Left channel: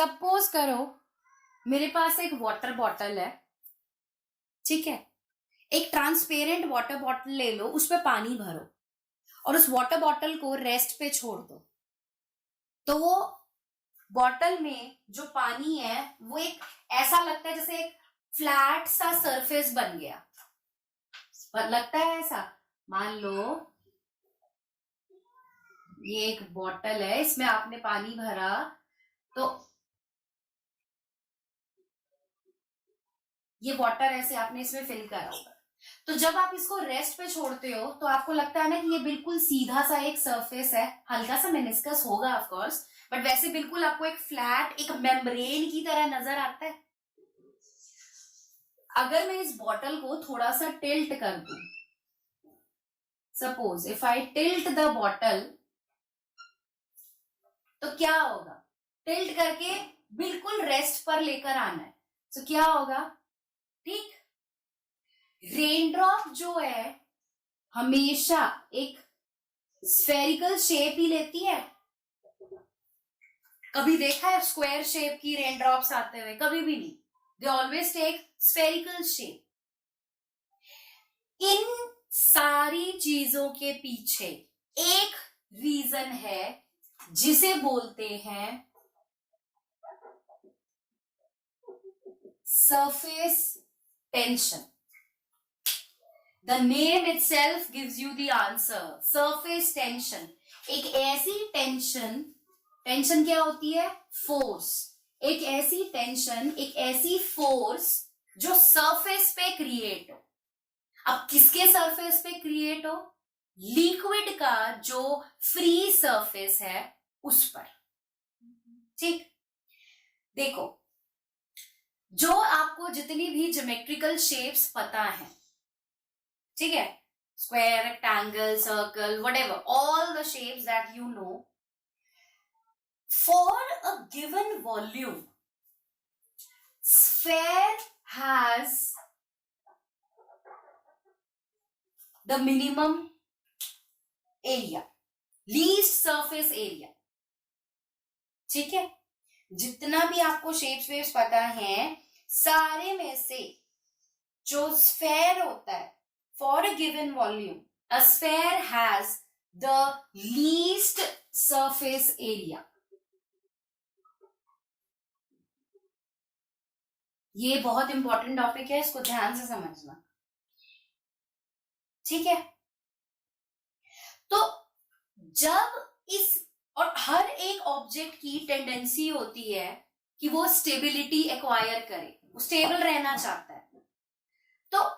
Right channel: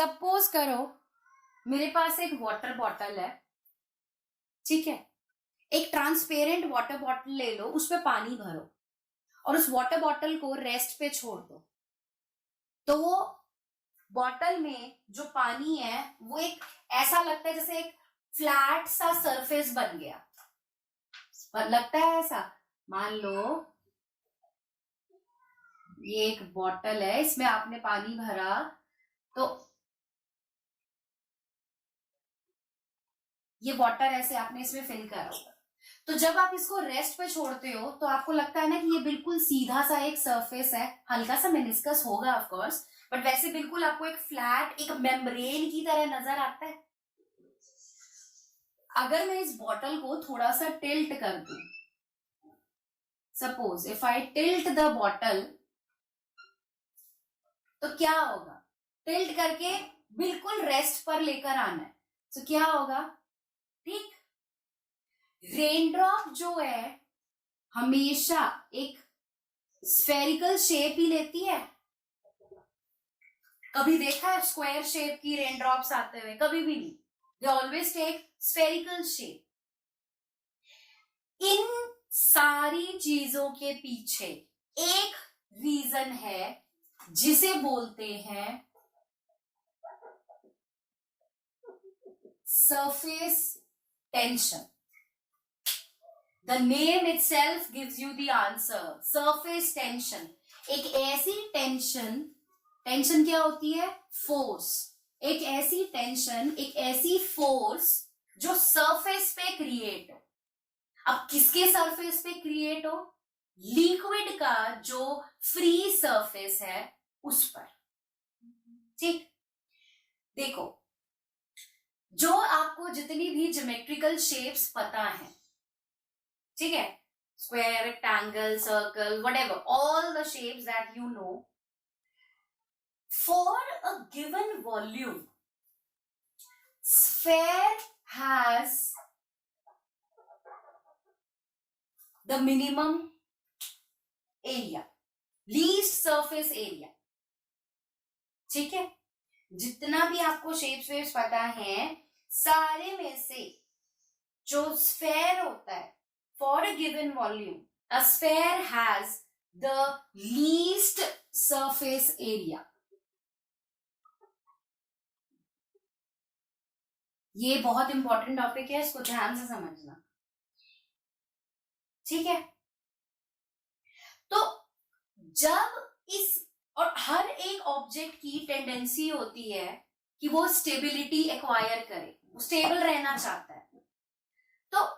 Suppose करो मेरे पास एक वाटर बॉटल है, ठीक है। एक ट्रांसपेरेंट वाटर बॉटल ले लो, उस पे पानी भरो और उस वाटर बॉटल को रेस्ट पे छोड़ दो। तो वो बॉटल में जो पानी है वो एक ऐसा लगता है जैसे एक फ्लैट सा सरफेस बन गया। लगता है ऐसा। मान लो ये एक बॉटल है, इसमें आपने पानी भरा, तो ये वाटर ऐसे आपने इसमें फिल करा होगा। तो जब आप इसको रेस्ट पे छोड़ते हो तो आपको लगता है ना कि ये बिल्कुल सीधा सा एक सरफेस है, हल्का सा मेनिस्कस होगा ऑफ कोर्स, बट वैसे बिल्कुल आपको एक फ्लैट एक मेम्ब्रेन की तरह नजर आता है। अगर मैं इस बॉटल को थोड़ा सा टिल्ट कर दूं, suppose if I tilt the bottle, तो क्या होगा? टिल्ट करके बिल्कुल रेस्ट पर लेकर आना है, तो क्या होगा? ठीक, रेनड्रॉप जो है हमेशा एक स्फेरिकल शेप ही लेती है। कभी देखा है स्क्वायर शेप की रेनड्रॉप्स आते हुए? कभी भी नहीं। They always take spherical shape. इन सारी चीजों के पीछे एक रीजन है जिसे बोलते हैं surface tension. The name itself gives you the answer. Surface tension. एक ऐसी टेंशन, टेंशन क्या होती है? फोर्स। एक ऐसी टेंशन, एक ऐसी फोर्स जो सरफेस पे क्रिएट हो। अब किसके सरफेस पे क्रिएट हो? लिक्विड का जो फ्री सरफेस है उस पर। ठीक, देखो, जो आपको जितनी भी ज्योमेट्रिकल शेप्स पता है, ठीक है, square, rectangle, circle, whatever, all the shapes that you know, for a given volume, sphere has the minimum area, least surface area। ठीक है, जितना भी आपको शेप्स वेव्स पता है, सारे में से जो स्फेयर होता है, for a given volume, a sphere has the least surface area। ये बहुत इंपॉर्टेंट टॉपिक है, इसको ध्यान से समझना, ठीक है। तो जब इस, और हर एक ऑब्जेक्ट की टेंडेंसी होती है कि वो स्टेबिलिटी एक्वायर करे, वो स्टेबल रहना चाहता है। तो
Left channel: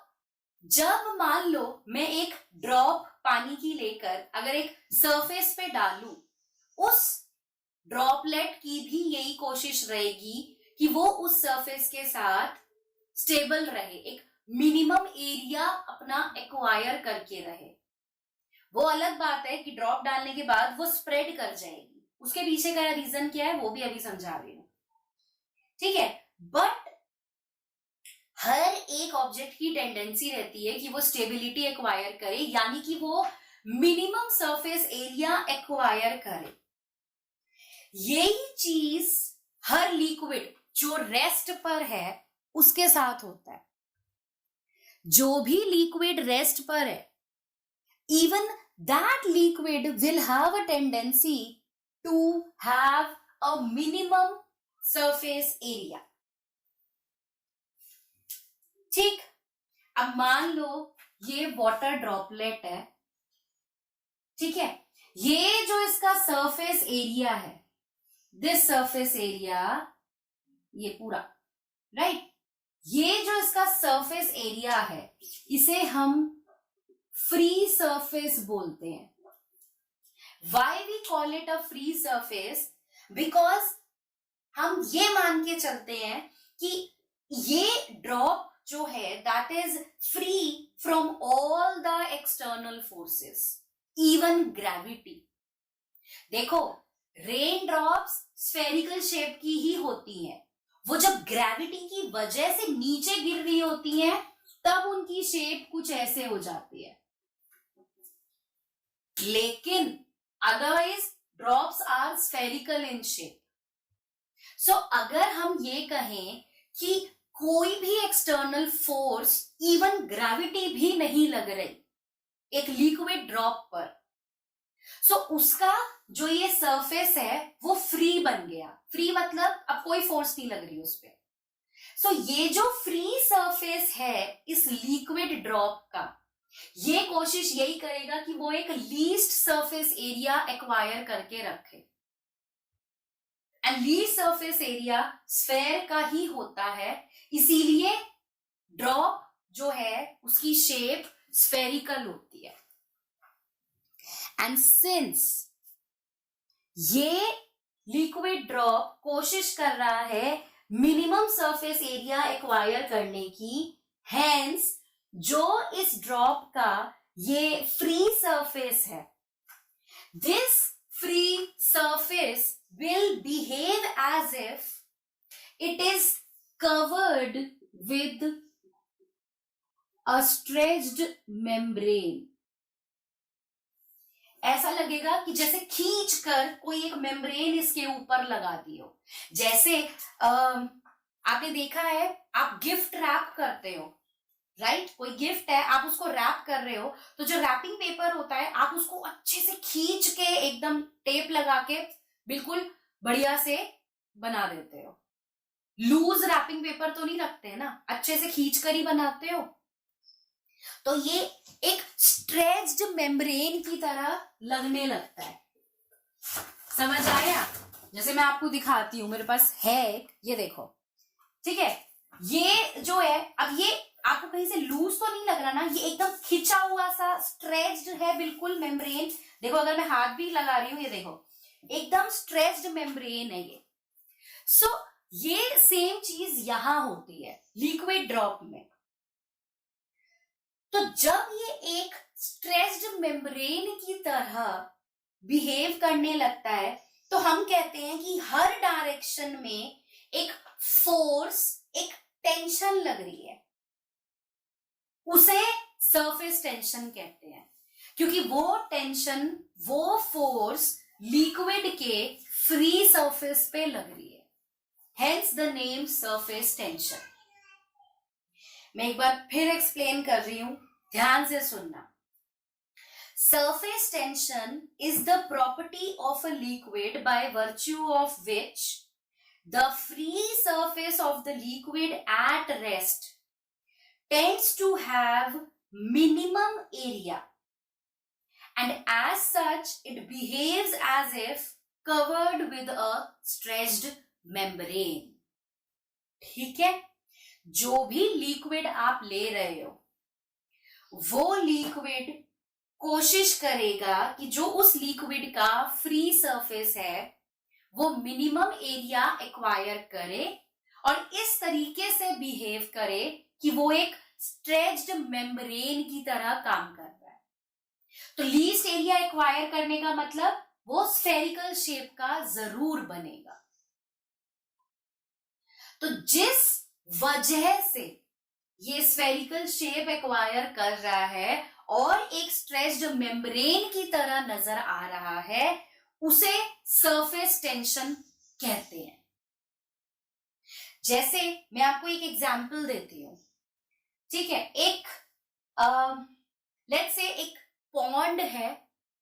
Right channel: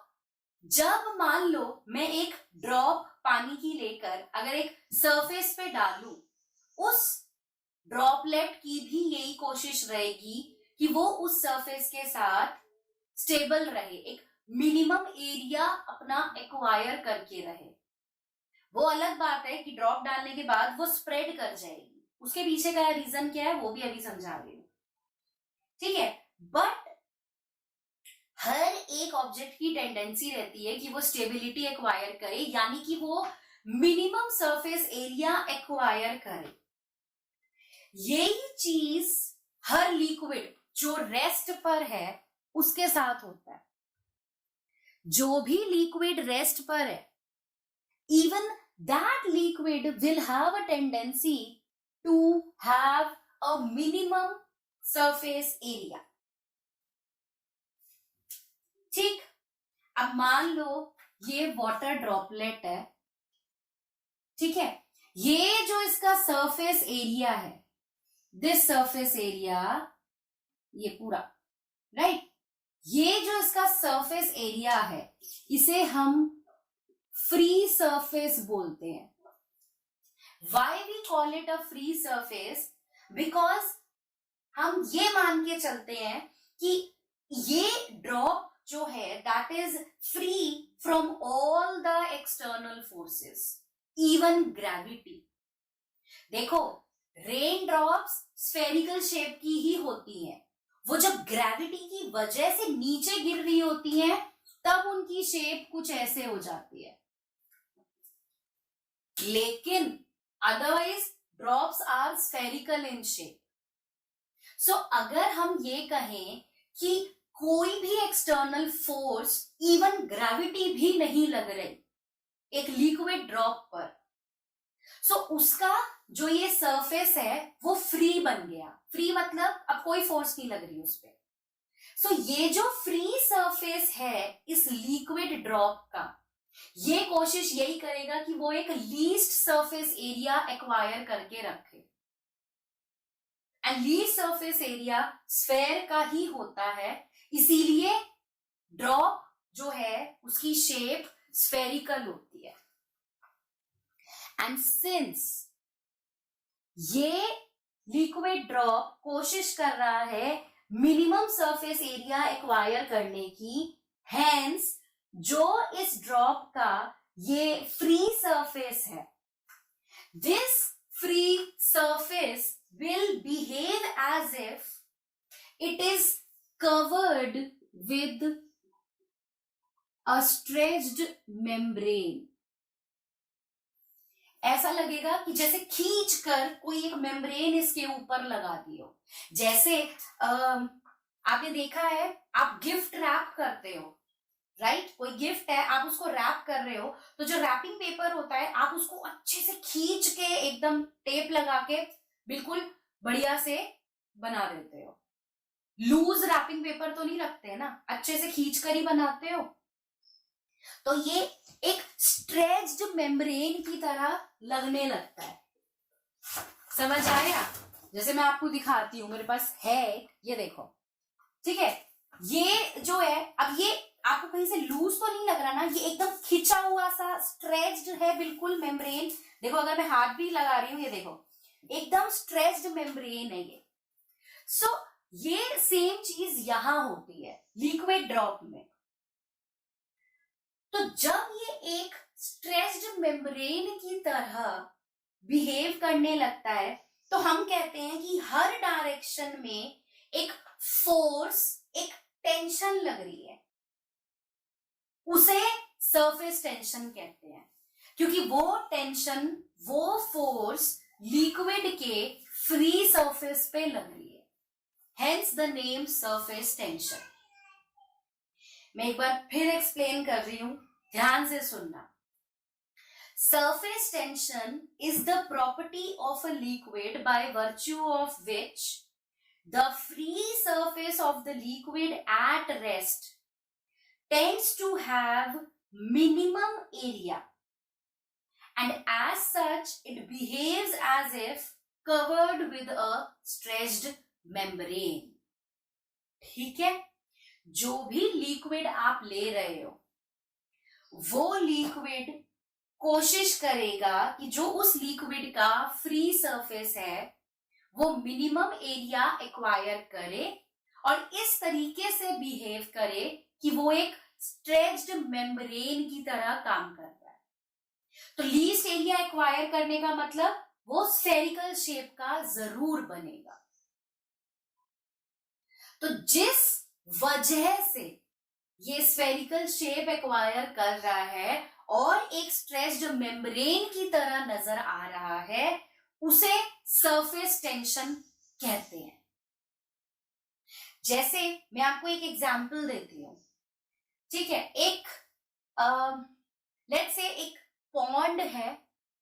जब मान लो मैं एक ड्रॉप पानी की लेकर अगर एक सरफेस पे डालूं, उस ड्रॉपलेट की भी यही कोशिश रहेगी कि वो उस सरफेस के साथ स्टेबल रहे, एक मिनिमम एरिया अपना एक्वायर करके रहे। वो अलग बात है कि ड्रॉप डालने के बाद वो स्प्रेड कर जाएगी, उसके पीछे का रीजन क्या है वो भी अभी समझा रही हूं, ठीक है। बट हर एक ऑब्जेक्ट की टेंडेंसी रहती है कि वो स्टेबिलिटी एक्वायर करे, यानी कि वो मिनिमम सरफेस एरिया एक्वायर करे। यही चीज हर लिक्विड जो रेस्ट पर है उसके साथ होता है। जो भी लिक्विड रेस्ट पर है, even that liquid will have a tendency to have a minimum surface area। ठीक, अब मान लो ये वाटर ड्रॉपलेट है, ठीक है। ये जो इसका सरफेस एरिया है, दिस सरफेस एरिया, ये पूरा, राइट, ये जो इसका सरफेस एरिया है इसे हम फ्री सरफेस बोलते हैं। Why we call it a free surface? Because हम ये मान के चलते हैं कि ये ड्रॉप जो है that is free from all the external forces, even gravity. देखो, रेन ड्रॉप्स स्फेरिकल शेप की ही होती हैं, वो जब ग्रेविटी की वजह से नीचे गिर रही होती हैं तब उनकी शेप कुछ ऐसे हो जाती है, लेकिन otherwise drops are spherical in shape। सो अगर हम ये कहें कि कोई भी एक्सटर्नल फोर्स, इवन ग्रेविटी भी नहीं लग रही एक लिक्विड ड्रॉप पर, सो उसका जो ये सरफेस है वो फ्री बन गया। फ्री मतलब अब कोई फोर्स नहीं लग रही उस पर। सो ये जो फ्री सरफेस है इस लिक्विड ड्रॉप का, ये कोशिश यही करेगा कि वो एक लीस्ट सरफेस एरिया एक्वायर करके रखे। And least surface area sphere का ही होता है, इसीलिए ड्रॉप जो है उसकी शेप स्फेरिकल होती है। एंड सिंस ये लिक्विड ड्रॉप कोशिश कर रहा है मिनिमम सरफेस एरिया एक्वायर करने की, हेंस जो इस ड्रॉप का ये फ्री सरफेस है, this free surface will behave as if it is covered with a stretched membrane। ऐसा लगेगा कि जैसे खींच कर कोई एक मेम्ब्रेन इसके ऊपर लगा दी हो। जैसे आपने देखा है, आप गिफ्ट रैप करते हो, राइट? कोई गिफ्ट है, आप उसको रैप कर रहे हो, तो जो रैपिंग पेपर होता है आप उसको अच्छे से खींच के एकदम टेप लगा के बिल्कुल बढ़िया से बना देते हो। लूज रैपिंग पेपर तो नहीं रखते ना, अच्छे से खींच कर ही बनाते हो। तो ये एक स्ट्रेच्ड मेम्ब्रेन की तरह लगने लगता है। समझ आया? जैसे मैं आपको दिखाती हूं, मेरे पास है, ये देखो, ठीक है? ये जो है, अब ये आपको कहीं से लूज तो नहीं लग रहा ना, ये एकदम खिंचा हुआ सा स्ट्रेच्ड है बिल्कुल मेम्ब्रेन। देखो अगर मैं हाथ भी लगा रही हूं, ये देखो एकदम स्ट्रेच्ड मेम्ब्रेन है ये। सो ये सेम चीज यहां होती है लिक्विड ड्रॉप में। तो जब ये एक स्ट्रेच्ड मेम्ब्रेन की तरह बिहेव करने लगता है, तो हम कहते हैं कि हर डायरेक्शन में एक फोर्स, एक टेंशन लग रही है, उसे सरफेस टेंशन कहते हैं, क्योंकि वो टेंशन, वो फोर्स लिक्विड के फ्री सरफेस पे लग रही है, hence the name surface tension. मैं एक बार फिर एक्सप्लेन कर रही हूं, ध्यान से सुनना। Surface tension is the property of a liquid by virtue of which the free surface of the liquid at rest tends to have minimum area, and as such it behaves as if covered with a stretched membrane। ठीक है? जो भी liquid आप ले रहे हो, वो liquid कोशिश करेगा कि जो उस लिक्विड का फ्री सरफेस है वो मिनिमम एरिया एक्वायर करे और इस तरीके से बिहेव करे कि वो एक स्ट्रेच्ड मेम्ब्रेन की तरह काम कर रहा है। तो लीस्ट एरिया एक्वायर करने का मतलब वो स्फेरिकल शेप का जरूर बनेगा। तो जिस वजह से ये स्फेरिकल शेप एक्वायर कर रहा है और एक स्ट्रेच्ड मेम्ब्रेन की तरह नजर आ रहा है, उसे सरफेस टेंशन कहते हैं। जैसे मैं आपको एक एग्जांपल देती हूं, ठीक है? एक लेट्स से एक पॉन्ड है,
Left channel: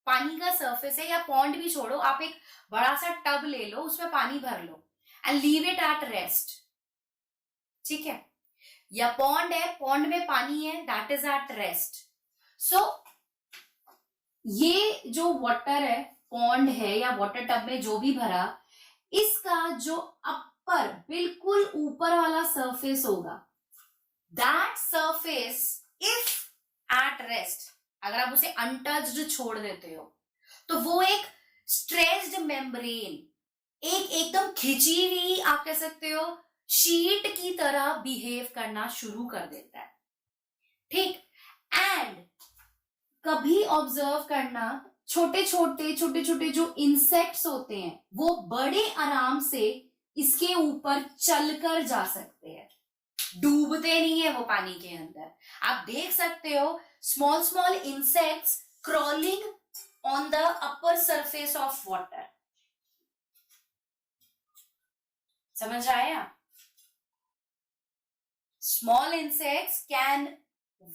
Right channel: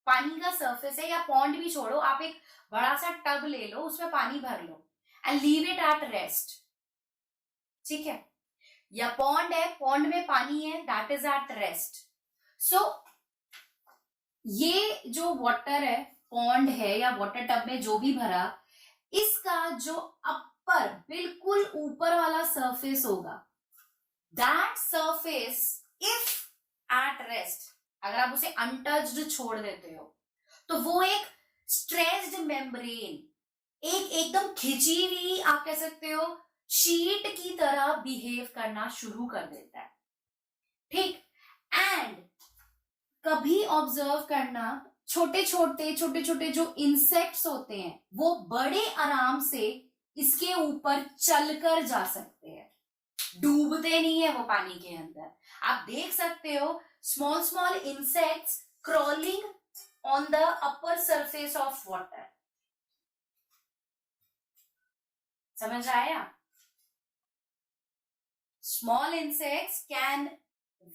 पानी का सरफेस है, या पॉन्ड भी छोड़ो, आप एक बड़ा सा टब ले लो, उसमें पानी भर लो and leave it at rest, ठीक है? या पॉन्ड है, पॉन्ड में पानी है, that is at rest. So ये जो वाटर है, पॉन्ड है या वाटर टब में जो भी भरा, इसका जो अपर बिल्कुल ऊपर वाला सरफेस होगा, that surface if at rest, अगर आप उसे अनटच्ड छोड़ देते हो, तो वो एक स्ट्रेच्ड मेम्ब्रेन, एक एकदम खिंची हुई, आप कह सकते हो शीट की तरह बिहेव करना शुरू कर देता है। ठीक? एंड कभी ऑब्जर्व करना, छोटे छोटे जो इंसेक्ट्स होते हैं वो बड़े आराम से इसके ऊपर चलकर जा सकते हैं, डूबते नहीं है वो पानी के अंदर। आप देख सकते हो small insects crawling on the upper surface of water. समझ आया? Small insects can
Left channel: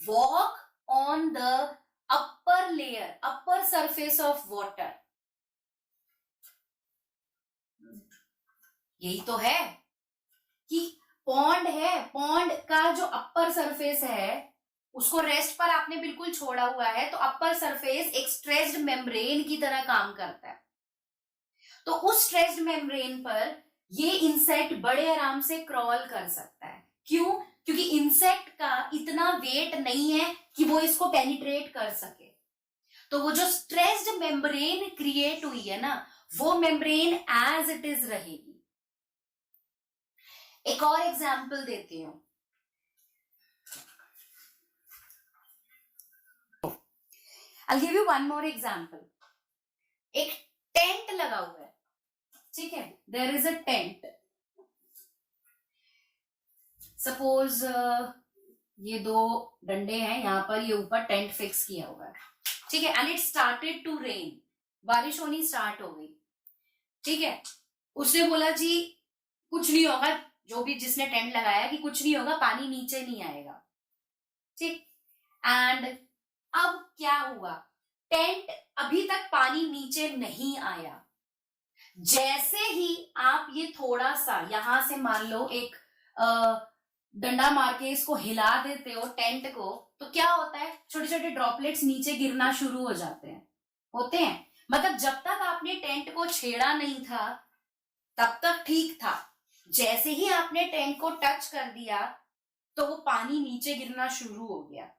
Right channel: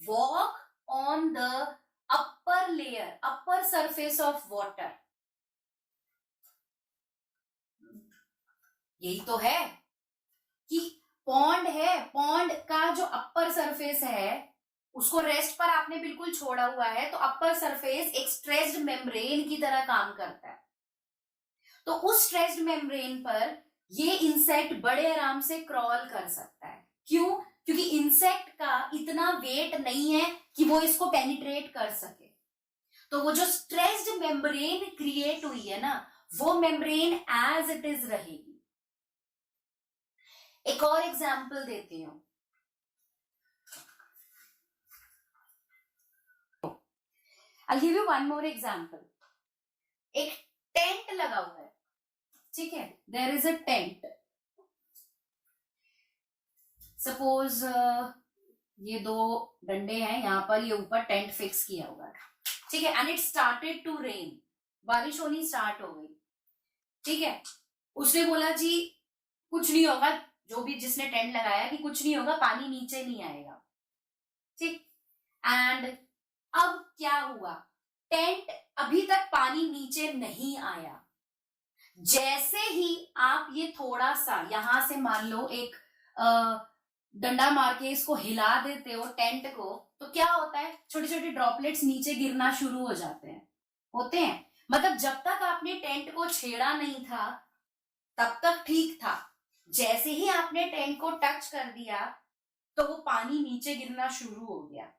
walk on the upper surface of water. यही तो है कि पॉन्ड है, पॉन्ड का जो अपर सरफेस है उसको रेस्ट पर आपने बिल्कुल छोड़ा हुआ है, तो अपर सरफेस एक स्ट्रेच्ड मेम्ब्रेन की तरह काम करता है। तो उस स्ट्रेच्ड मेम्ब्रेन पर ये इंसेक्ट बड़े आराम से क्रॉल कर सकता है। क्यों? क्योंकि इंसेक्ट का इतना वेट नहीं है कि वो इसको पेनिट्रेट कर सके। तो वो जो स्ट्रेच्ड मेम्ब्रेन क्रिएट हुई है ना, वो मेम्ब्रेन एज इट इज रहेगी। एक और एग्जाम्पल देती हूं। I'll give you one more example. एक टेंट लगा हुआ है, ठीक है, there is a tent. Suppose ये दो डंडे हैं, यहां पर ये ऊपर टेंट फिक्स किया हुआ है, ठीक है, and it started to rain, बारिश होनी स्टार्ट हो गई, ठीक है। उसने बोला जी कुछ नहीं होगा, जो भी जिसने टेंट लगाया कि कुछ नहीं होगा, पानी नीचे नहीं आएगा, ठीक। एंड अब क्या हुआ, टेंट अभी तक पानी नीचे नहीं आया। जैसे ही आप ये थोड़ा सा यहां से मान लो एक डंडा मार के इसको हिला देते हो टेंट को, तो क्या होता है, छोटे छोटे ड्रॉपलेट्स नीचे गिरना शुरू हो जाते हैं, होते हैं। मतलब जब तक आपने टेंट को छेड़ा नहीं था तब तक ठीक था, जैसे ही आपने टेंट को टच कर दिया तो वो पानी नीचे गिरना शुरू हो गया।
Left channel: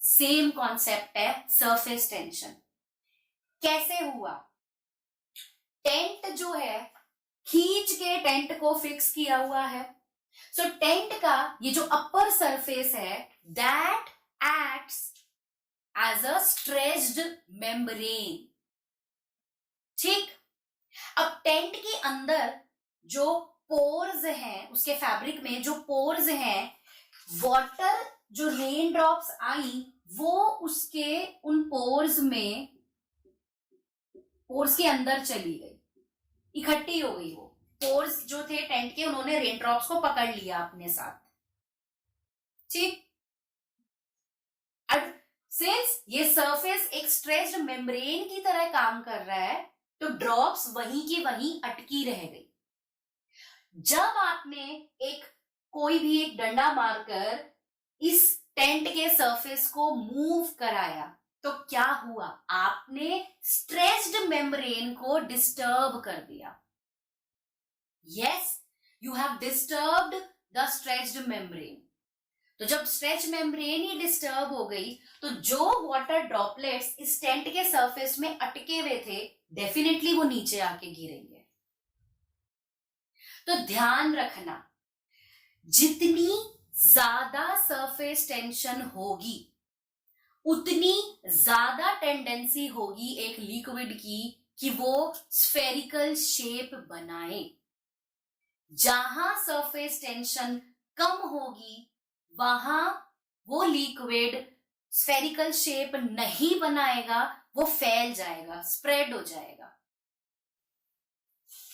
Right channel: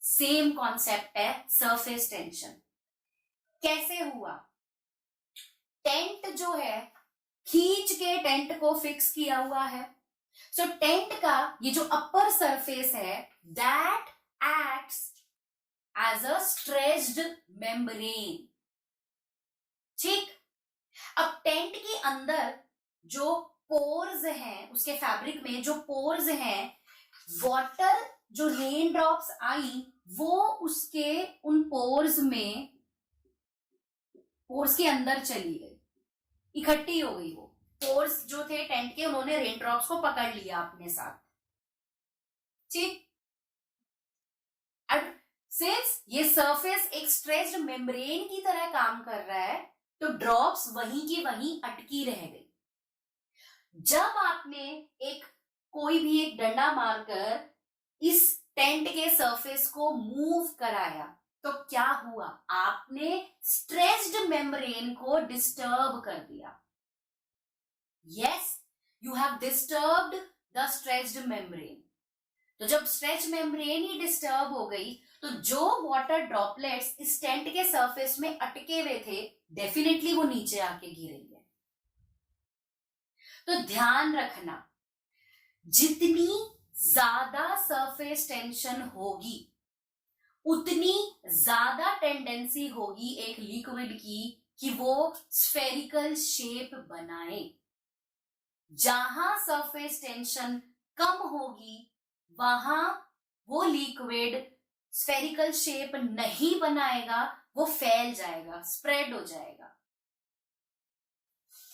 सेम कॉन्सेप्ट है सरफेस टेंशन। कैसे हुआ, टेंट जो है खींच के टेंट को फिक्स किया हुआ है, सो टेंट का ये जो अपर सरफेस है that acts as a stretched membrane, ठीक। अब टेंट के अंदर जो पोर्स हैं, उसके फैब्रिक में जो पोर्स हैं, वाटर जो रेन ड्रॉप्स आई वो उसके उन पोर्स में, पोर्स के अंदर चली गई, इकट्ठी हो गई। वो पोर्स जो थे टेंट के, उन्होंने रेन ड्रॉप्स को पकड़ लिया अपने साथ, ठीक। अब सिंस ये सरफेस एक स्ट्रेच्ड मेम्ब्रेन की तरह काम कर रहा है, तो ड्रॉप्स वहीं की वहीं अटकी रह गई। जब आपने एक कोई भी एक डंडा मारकर इस टेंट के सरफेस को मूव कराया तो क्या हुआ, आपने स्ट्रेच्ड मेम्ब्रेन को डिस्टर्ब कर दिया। Yes, you have disturbed the stretched membrane. तो जब स्ट्रेच मेम्ब्रेन ही डिस्टर्ब हो गई तो जो वाटर ड्रॉपलेट्स इस टेंट के सरफेस में अटके हुए थे डेफिनेटली वो नीचे आके गिरेंगे। तो ध्यान रखना, जितनी ज्यादा सरफेस टेंशन होगी उतनी ज्यादा टेंडेंसी होगी एक लिक्विड की कि वो स्फेरिकल शेप बनाए। जहां सरफेस टेंशन कम होगी वहां वो लिक्विड स्फेरिकल शेप नहीं बनाएगा, वो फैल जाएगा, स्प्रेड हो जाएगा।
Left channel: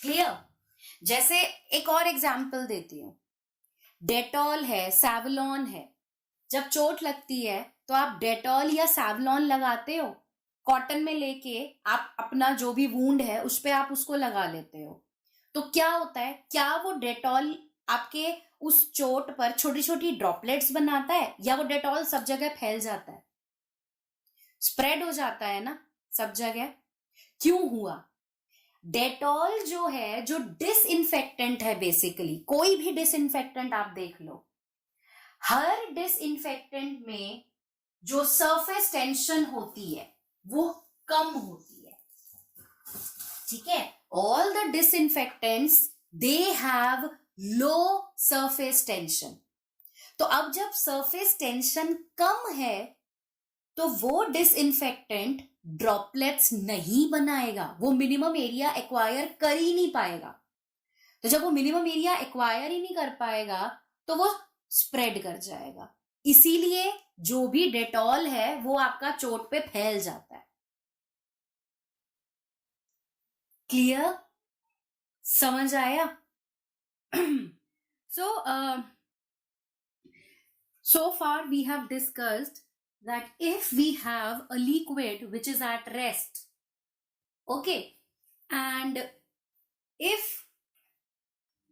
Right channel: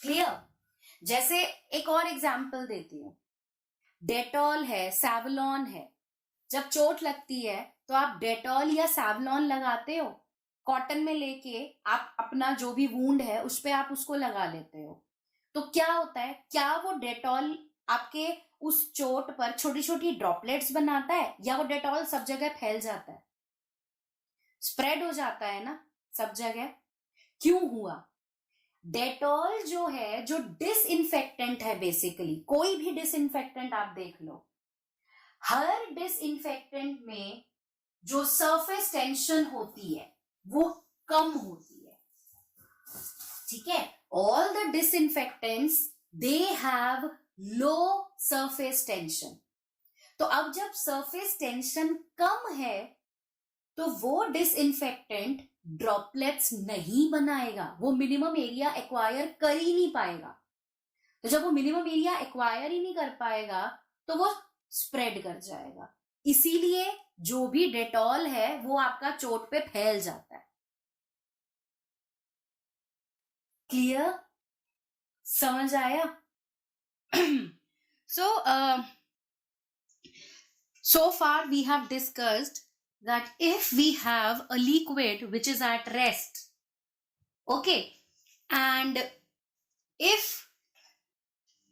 क्लियर? जैसे एक और एग्जाम्पल देती हूं, डेटॉल है, सैवलॉन है। जब चोट लगती है तो आप डेटॉल या सैवलॉन लगाते हो, कॉटन में लेके आप अपना जो भी वूंड है उस पे आप उसको लगा लेते हो। तो क्या होता है, क्या वो डेटॉल आपके उस चोट पर छोटी छोटी ड्रॉपलेट्स बनाता है, या वो डेटॉल सब जगह फैल जाता है, स्प्रेड हो जाता है ना सब जगह? क्यों हुआ? डेटॉल जो है, जो डिसइंफेक्टेंट है, बेसिकली कोई भी डिसइंफेक्टेंट आप देख लो, हर डिसइंफेक्टेंट में जो सरफेस टेंशन होती है वो कम होती है, ठीक है। All the disinfectants they have low surface tension. तो अब जब सरफेस टेंशन कम है तो वो डिसइंफेक्टेंट ड्रॉपलेट्स नहीं बनाएगा, वो मिनिमम एरिया एक्वायर कर ही नहीं पाएगा। तो जब वो मिनिमम एरिया एक्वायर ही नहीं कर पाएगा तो वो स्प्रेड कर जाएगा। इसीलिए जो भी डेटॉल है वो आपका चोट पे फैल जाता है। क्लियर? समझ आया? So far we have discussed that if we have a liquid which is at rest, okay, and if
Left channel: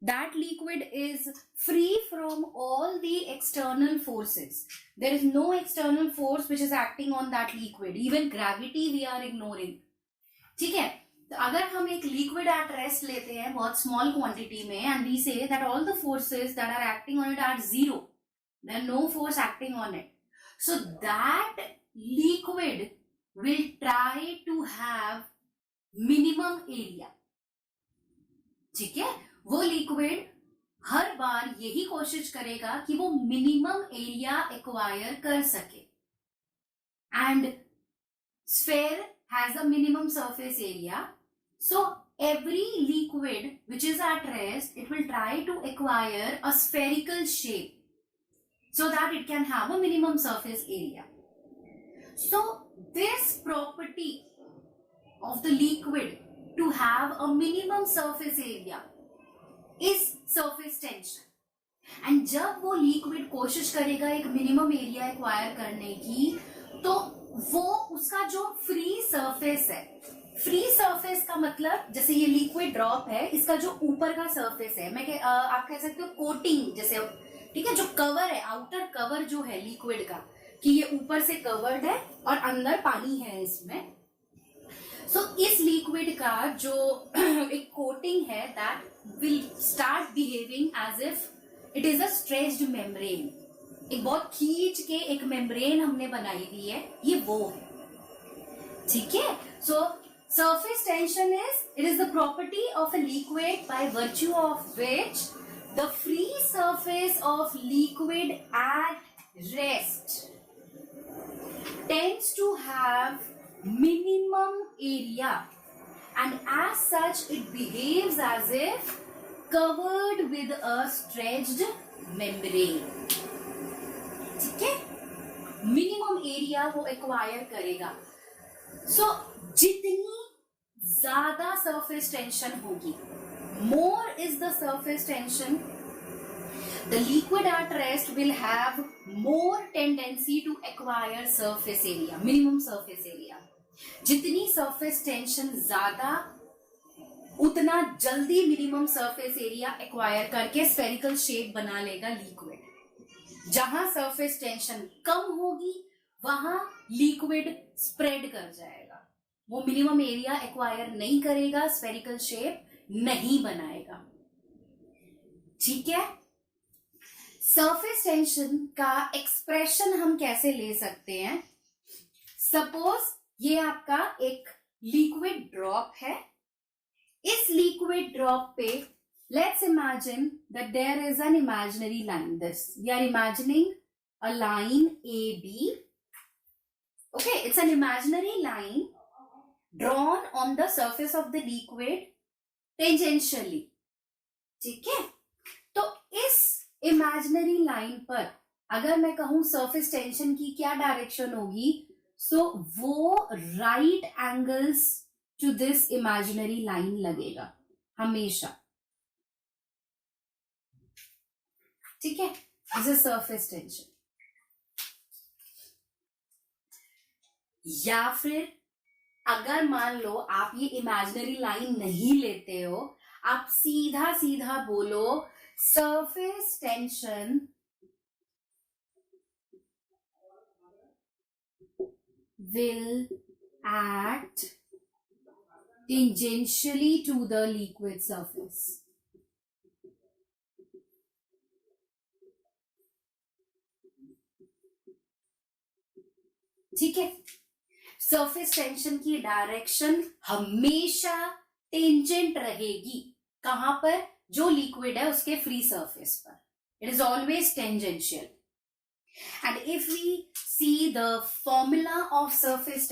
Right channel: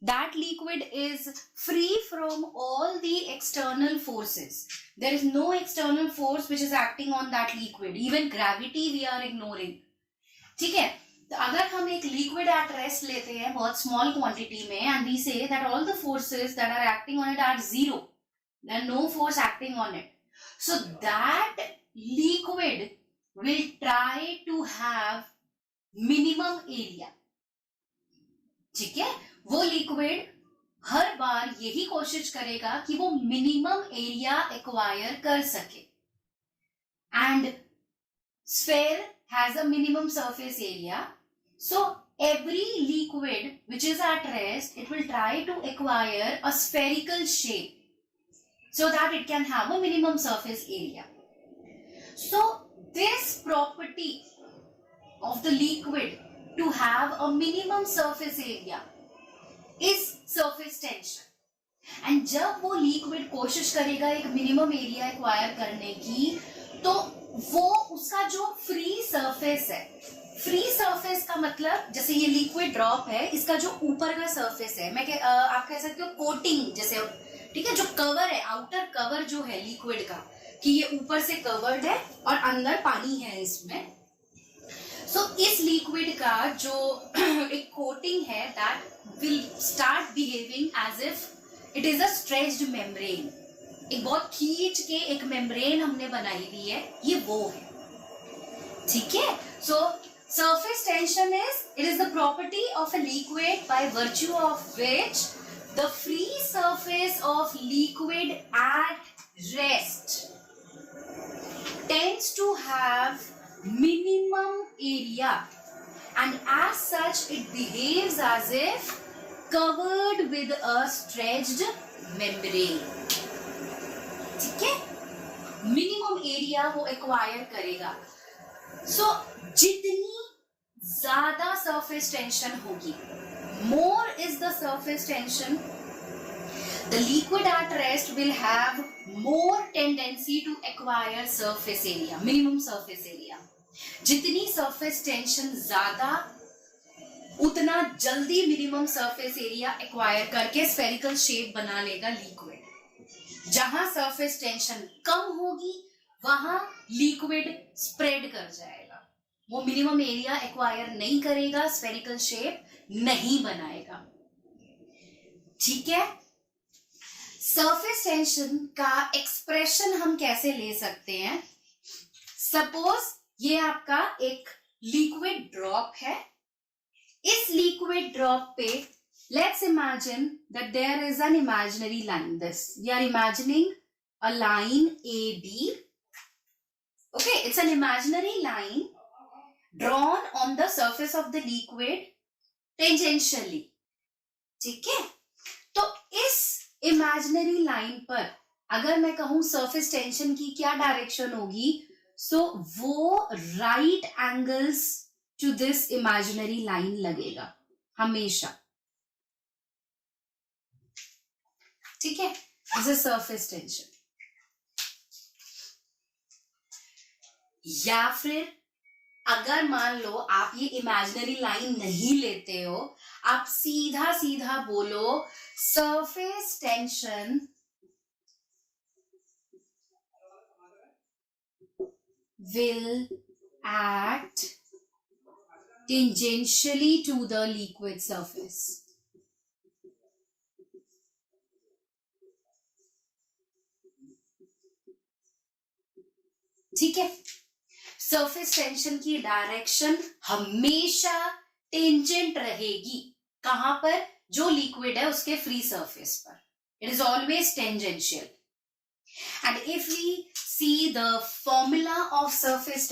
that liquid is free from all the external forces, there is no external force which is acting on that liquid, even gravity we are ignoring, ठीक है. तो अगर हम एक liquid at rest लेते हैं बहुत small quantity में and we say that all the forces that are acting on it are zero, there no force acting on it, so that liquid will try to have minimum area. ठीक है, वो liquid हर बार यही कोशिश करेगा कि वो minimum area acquire कर सके. And sphere has a minimum surface area, so every liquid which is at rest, it will try to acquire a spherical shape so that it can have a minimum surface area. So this property of the liquid to have a minimum surface area is surface tension. And जब वो liquid कोशिश करेगा एक minimum area acquire करने की, तो वो उसका जो फ्री सरफेस है, फ्री सरफेस का मतलब जैसे ये लिक्विड ड्रॉप है, इसका जो ऊपर का सरफेस है, मैं आप कह सकते हो कोटिंग जैसे, ठीक है, जो कवर है, आउटर कवर जो है लिक्विड का, कि ये ऊपर से कवर्ड है और अंदर पानी है इसमें. सो इस लिक्विड का जो एक कोटिंग है, that will start behaving as if it is a stretched membrane. एक बहुत खींच के एक मेम्ब्रेन हमने बनाई दी है, ये वो है. ठीक है, सो surface tension is the property of a liquid by virtue of which the free surface of liquid at rest tends to have minimum area, and as such it behaves as if covered with a stretched membrane. ठीक है, minimum area वो acquire करेगा. सो जितनी ज्यादा surface tension होगी, more is the surface tension, the liquid at rest will have more tendency to acquire surface area, minimum surface area. जितनी surface tension ज्यादा, उतना जल्दी मिनिमम सरफेस एरिया एक्वायर करके स्फेरिकल शेप बना लेगा लिक्विड. जहां surface tension कम होगी वहां लिक्विड स्प्रेड कर जाएगा, वो मिनिमम एरिया एक्वायर नहीं करेगा, स्फेरिकल शेप नहीं बनाएगा. ठीक है, सरफेस टेंशन का एक्सप्रेशन हम कैसे ले सकते हैं. सपोज ये आपका एक लिक्विड ड्रॉप है, इस लिक्विड ड्रॉप पे let's imagine that there is an imaginary line. This we are imagining a line AB. Okay, it's an imaginary line drawn on the surface of the liquid tangentially. ठीक है, तो इस imaginary line पर अगर मैं कहूं surface tension की क्या डायरेक्शन होगी, so वो right angles to this imaginary line लगेगा हमेशा. ठीक है, दिस इज सरफेस टेंशन. या फिर अगर मान लो आप ये इमेजिनरी लाइन नहीं लेते हो, आप सीधा सीधा बोलो surface tension will act tangentially to the liquid surface. ठीक है, सरफेस टेंशन की डायरेक्शन हमेशा टेंजेंट रहेगी. कहां पर? जो लिक्विड है उसके फ्री सरफेस पर. It is always tangential. And if we see the formula of surface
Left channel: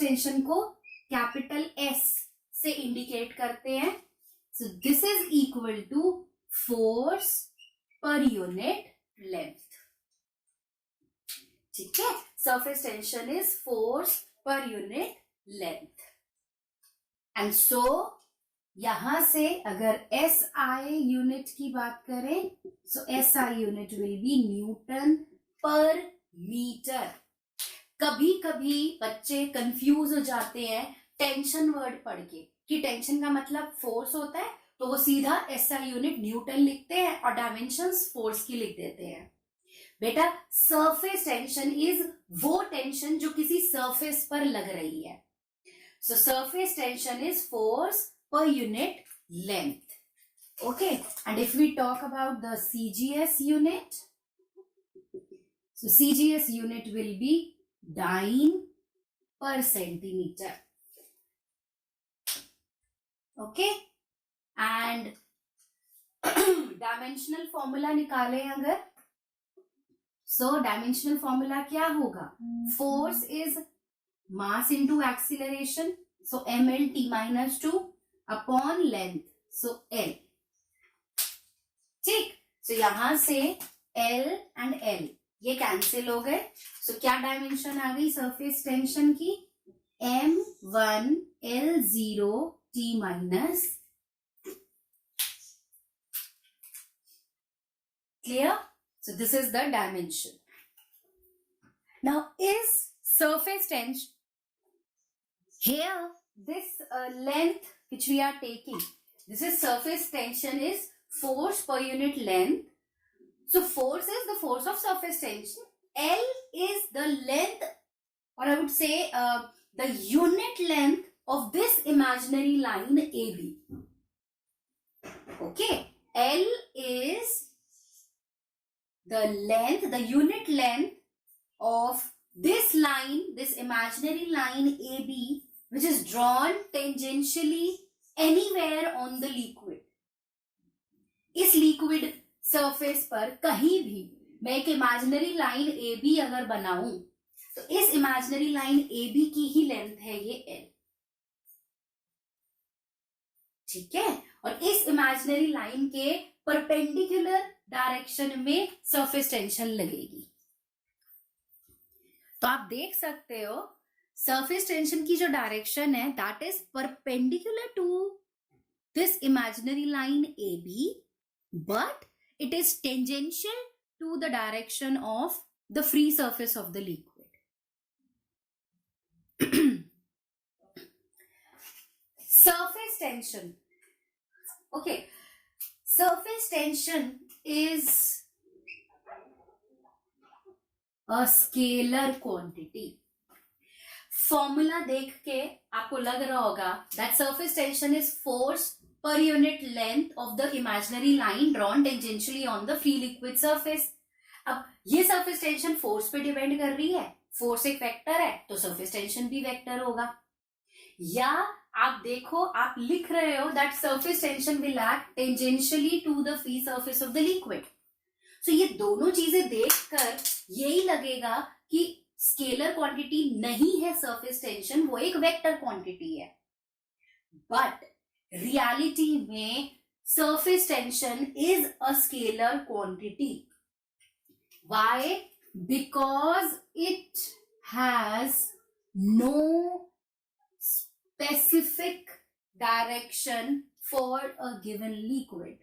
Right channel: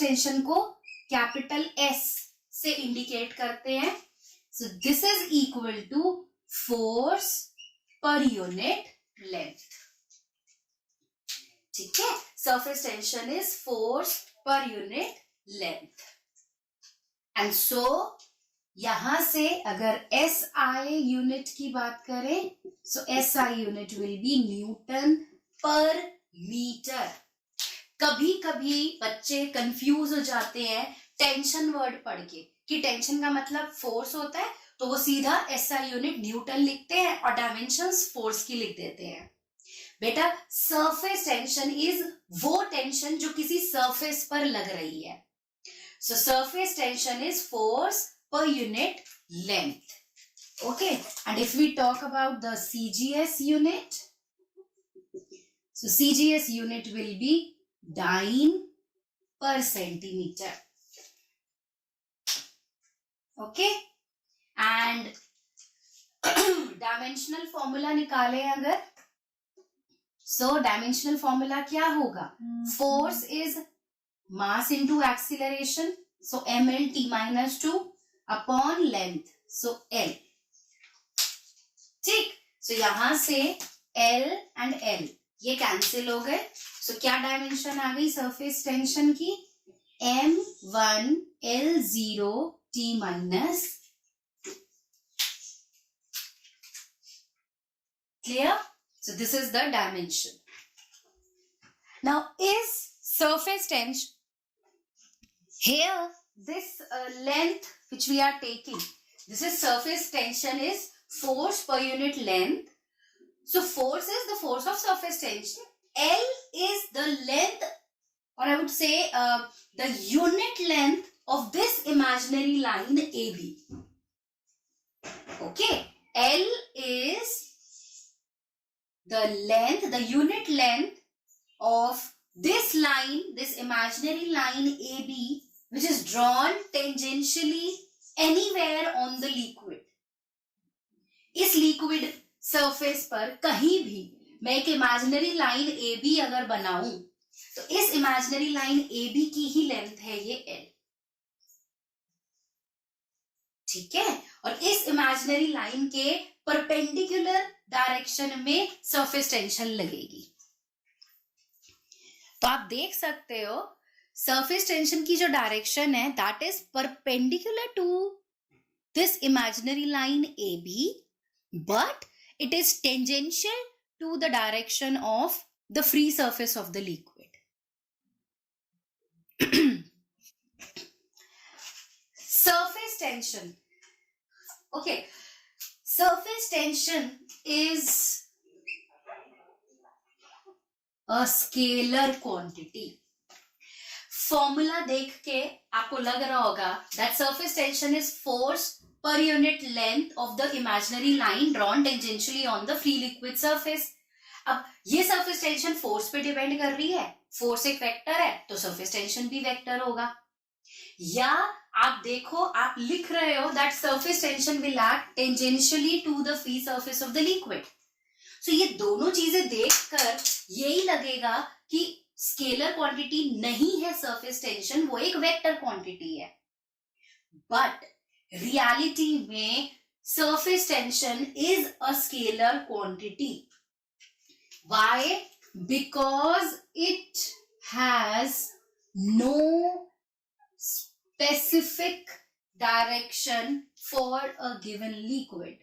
tension को कैपिटल एस से इंडिकेट करते हैं. So this is equal to force per unit length. ठीक है, surface tension is force per unit length. And so यहां से अगर SI unit की बात करें, सो SI unit will be Newton पर मीटर। कभी कभी बच्चे कंफ्यूज हो जाते हैं टेंशन वर्ड पढ़ के, कि टेंशन का मतलब फोर्स होता है, तो वो सीधा SI यूनिट न्यूटन लिखते हैं और डायमेंशंस फोर्स की लिख देते हैं। बेटा, सरफेस टेंशन इज वो टेंशन जो किसी सरफेस पर लग रही है। सो surface tension is force per unit length. Okay, and if we talk about the CGS unit, so CGS unit will be dyne per centimeter. Okay, and dimensional formula निकाले अगर, so dimensional formula क्या होगा? Force is mass into acceleration, so mLt minus 2 upon length, so L। ठीक, so यहां से L and L ये cancel हो गए, सो क्या डायमेंशन आ गई सरफेस टेंशन की? M1 L0 T minus 2। Clear? So this is the dimension. Now is surface tension here, this length which we are taking, this is surface tension is force per unit length. So force is the force of surface tension. L is the length, or I would say the unit length of this imaginary line AB. Okay, L is the length, the unit length of this line, this imaginary line AB, which is drawn tangentially anywhere on the liquid. इस liquid surface पर कहीं भी मैं एक imaginary line AB अगर बनाऊं, तो इस इमेजिनरी लाइन AB की ही लेंथ है ये L। ठीक है, और इस इमेजिनरी लाइन के परपेंडिकुलर डायरेक्शन में सरफेस टेंशन लगेगी। तो आप देख सकते हो सरफेस टेंशन की जो डायरेक्शन है, that is perpendicular to this imaginary line AB, but it is tangential to the direction of the free surface of the liquid. Surface tension. Okay, surface tension is a scalar quantity. Formula देख के आपको लग रहा होगा that surface tension is force per unit length of the imaginary line drawn tangentially on the free liquid surface. अब ये surface tension force पे depend कर रही है, force एक वेक्टर है तो surface tension भी वेक्टर होगा। या आप देखो, आप लिख रहे हो that surface tension will act tangentially to the free surface of the liquid. So ये दोनों चीजें देखकर यही लगेगा कि स्केलर क्वांटिटी नहीं है सरफेस टेंशन, वो एक वेक्टर क्वांटिटी है। बट रियलिटी में surface tension is a scalar quantity. Why? Because it has no specific direction for a given liquid.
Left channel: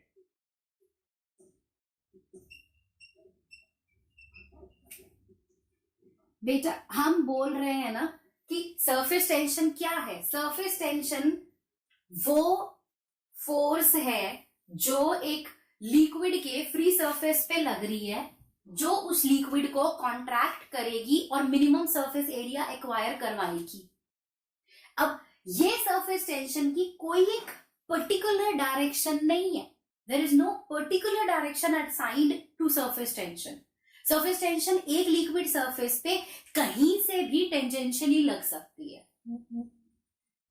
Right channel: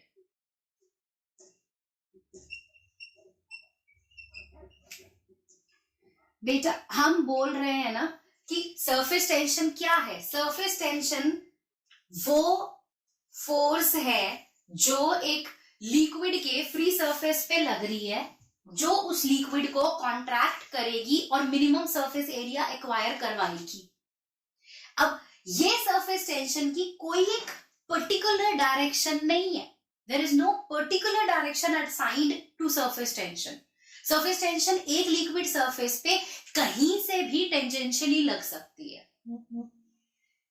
बेटा, हम बोल रहे हैं ना कि सरफेस टेंशन क्या है? सरफेस टेंशन वो फोर्स है जो एक लिक्विड के फ्री सरफेस पे लग रही है, जो उस लिक्विड को कॉन्ट्रैक्ट करेगी और मिनिमम सरफेस एरिया एक्वायर करवाएगी। अब ये सरफेस टेंशन की कोई एक पर्टिकुलर डायरेक्शन नहीं है। There is no particular direction assigned to surface tension. Surface tension एक लिक्विड सरफेस पे कहीं से भी टेंजेंशियली लग सकती है।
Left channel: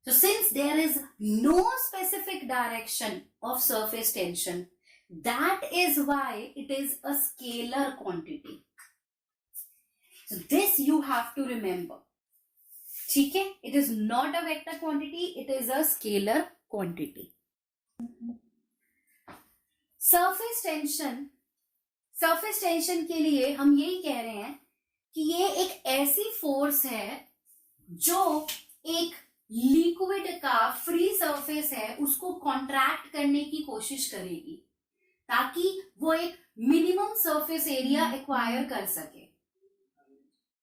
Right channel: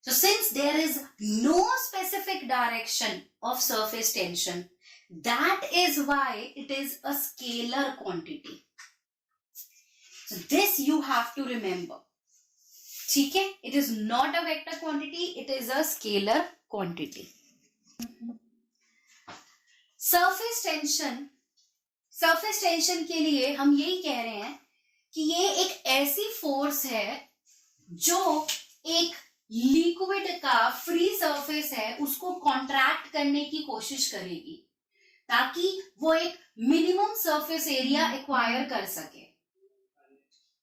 So since there is no specific direction of surface tension, that is why it is a scalar quantity. So this you have to remember. ठीक है? It is not a vector quantity, it is a scalar quantity. Surface tension के लिए हम यही कह रहे हैं कि ये एक ऐसी फोर्स है जो एक लिक्विड का फ्री सरफेस सरफेस है उसको कॉन्ट्रैक्ट करने की कोशिश करेगी ताकि वो एक मिनिमम सरफेस एरिया एक्वायर कर सके,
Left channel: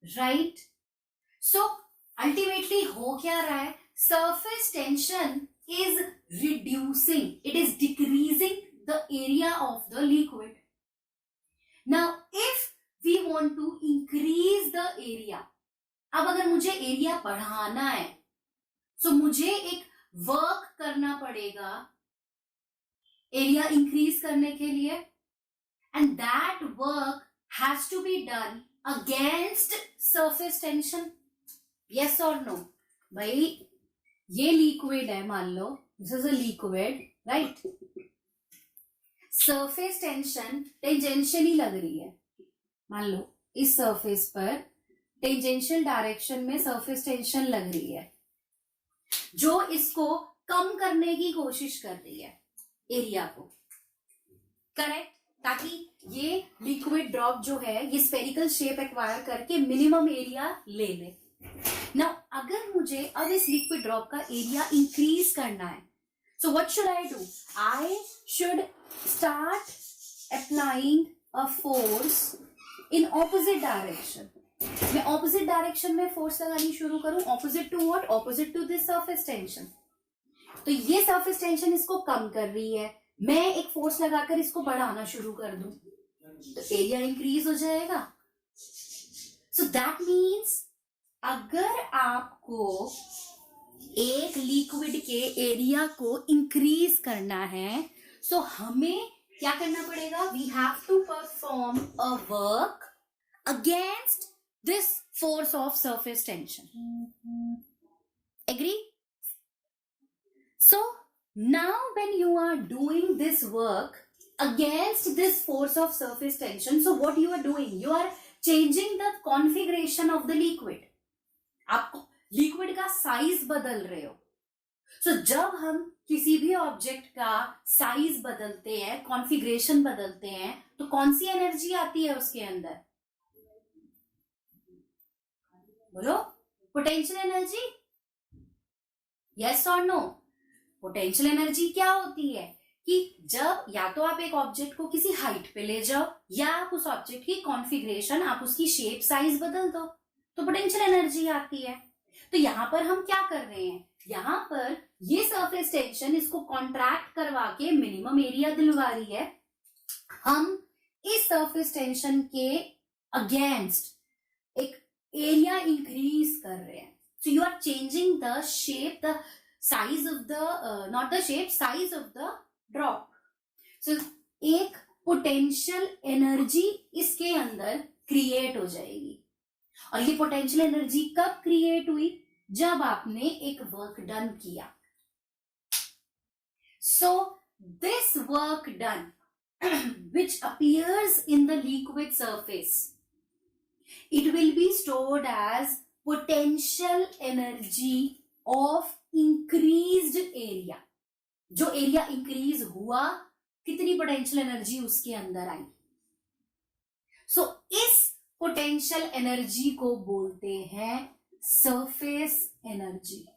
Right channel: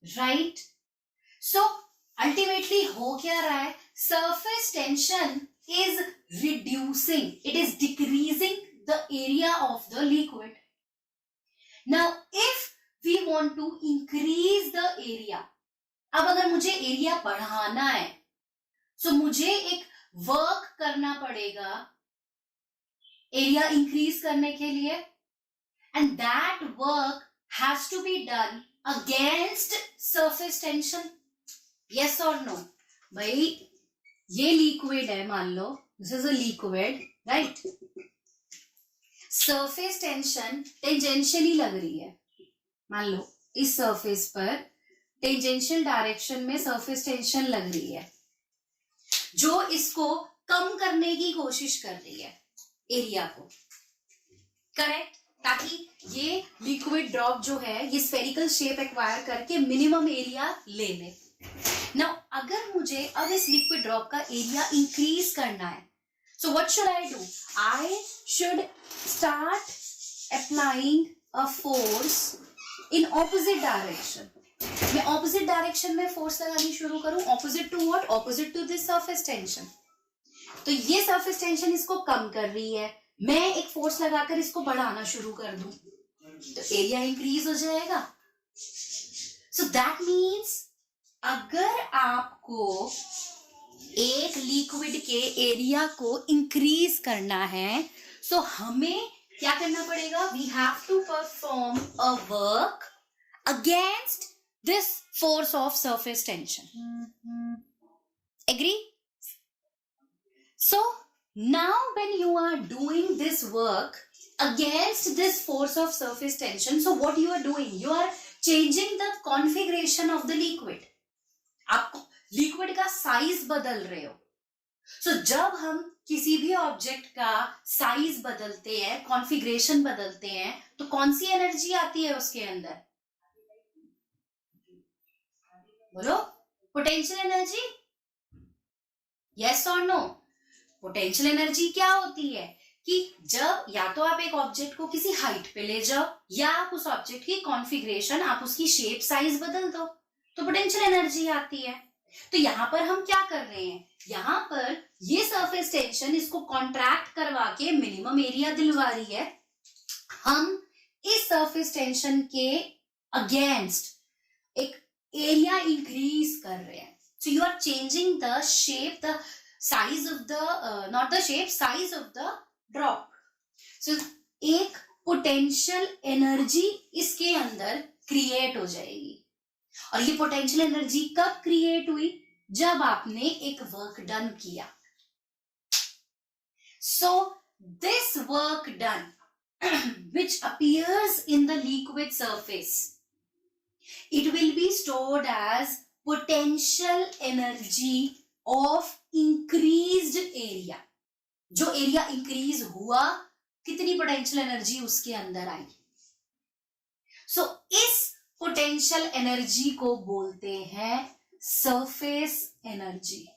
राइट? सो अल्टीमेटली हो क्या रहा है, surface tension is reducing, it is decreasing the area of the liquid. Now if we want to increase the area, अब अगर मुझे एरिया बढ़ाना है सो मुझे एक वर्क करना पड़ेगा एरिया इंक्रीज करने के लिए, and that work has to be done against surface tension. Yes और नो? भाई ये लिक्विड है, मान लो this is a liquid, right? Surface tension tangentially लग रही है, मान लो इस सरफेस पर टेंजेंशियल डायरेक्शन में सरफेस टेंशन लग रही है जो इसको कम करने की कोशिश कर रही है एरिया को, करेक्ट? ताकि ये लिक्विड ड्रॉप जो है ये स्फेरिकल शेप एक्वायर करके मिनिमम एरिया ले ले. नाउ अगर मुझे अब इस लिक्विड ड्रॉप का एरिया इंक्रीज करना है, so what should I do? I should start applying a force in opposite direction. मैं ऑपोजिट डायरेक्शन में फोर्स लगानी शुरू करूं. Opposite to what? Opposite to this surface tension. तो ये सरफेस टेंशन इसको कम कर रही है, मैं एक फोर्स लगाकर इसको बढ़ाना शुरू कर दूं तो एरिया इंक्रीज हो जाएगा. सो दैट मीन्स अगर आपको एक लिक्विड के एरिया को इंक्रीज करना है सो हमें क्या करना पड़ेगा? We have to perform a work against this force of surface tension. Agree? So now when you are doing this work against this force of surface tension, so what you are doing? You are changing the configuration of the liquid. आप liquid का size बदल रहे हो. सो जब हम किसी भी object का साइज बदलते हैं, कॉन्फ़िगरेशन बदलते हैं, तो कौन सी एनर्जी आती है उसके अंदर? बोलो, पोटेंशियल एनर्जी. यस और नो? पोटेंशियल एनर्जी क्या होती है कि जब या तो आप एक ऑब्जेक्ट को किसी हाइट पे ले जाओ या आप उस ऑब्जेक्ट की कॉन्फ़िगरेशन, आप उसकी शेप साइज बदल दो तो पोटेंशियल एनर्जी आती है. तो यहां पर हम क्या कर रहे हैं? यहां पर ये सरफेस टेंशन इसको कॉन्ट्रैक्ट करवा के मिनिमम एरिया दिलवा रही है. हम इस सरफेस टेंशन के अगेंस्ट एक एरिया इंक्रीज कर रहे हैं. So you are changing the shape, the size of the, not the shape, size of the drop. So एक पोटेंशियल एनर्जी इसके अंदर क्रिएट हो जाएगी. और ये पोटेंशियल एनर्जी कब क्रिएट हुई? जब आपने एक वर्क डन किया. So this work done which appears in the liquid surface, it will be stored as potential energy of increased area. जो एरिया इंक्रीज हुआ, कितनी पोटेंशियल एनर्जी उसके अंदर आई. सो इस पोटेंशियल एनर्जी को बोलते हैं सरफेस एनर्जी.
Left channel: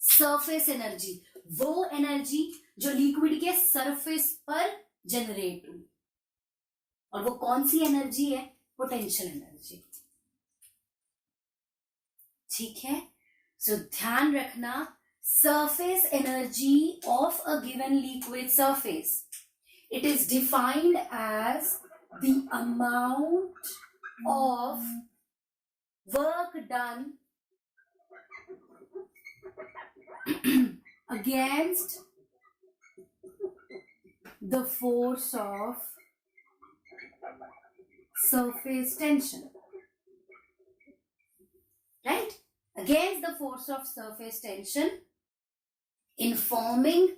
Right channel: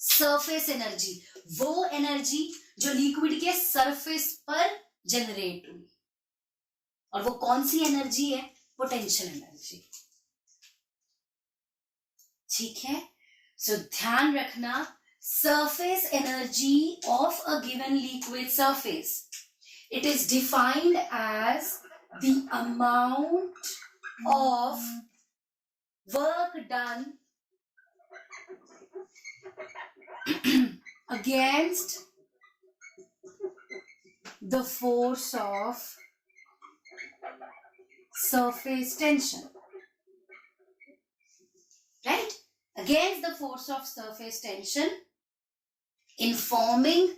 सरफेस एनर्जी वो एनर्जी जो लिक्विड के सरफेस पर जनरेट हुई. और वो कौन सी एनर्जी है? Potential energy. ठीक है? सो ध्यान रखना, surface energy of a given liquid surface, it is defined as the amount of work done against the force of surface tension, right? Against the force of surface tension in forming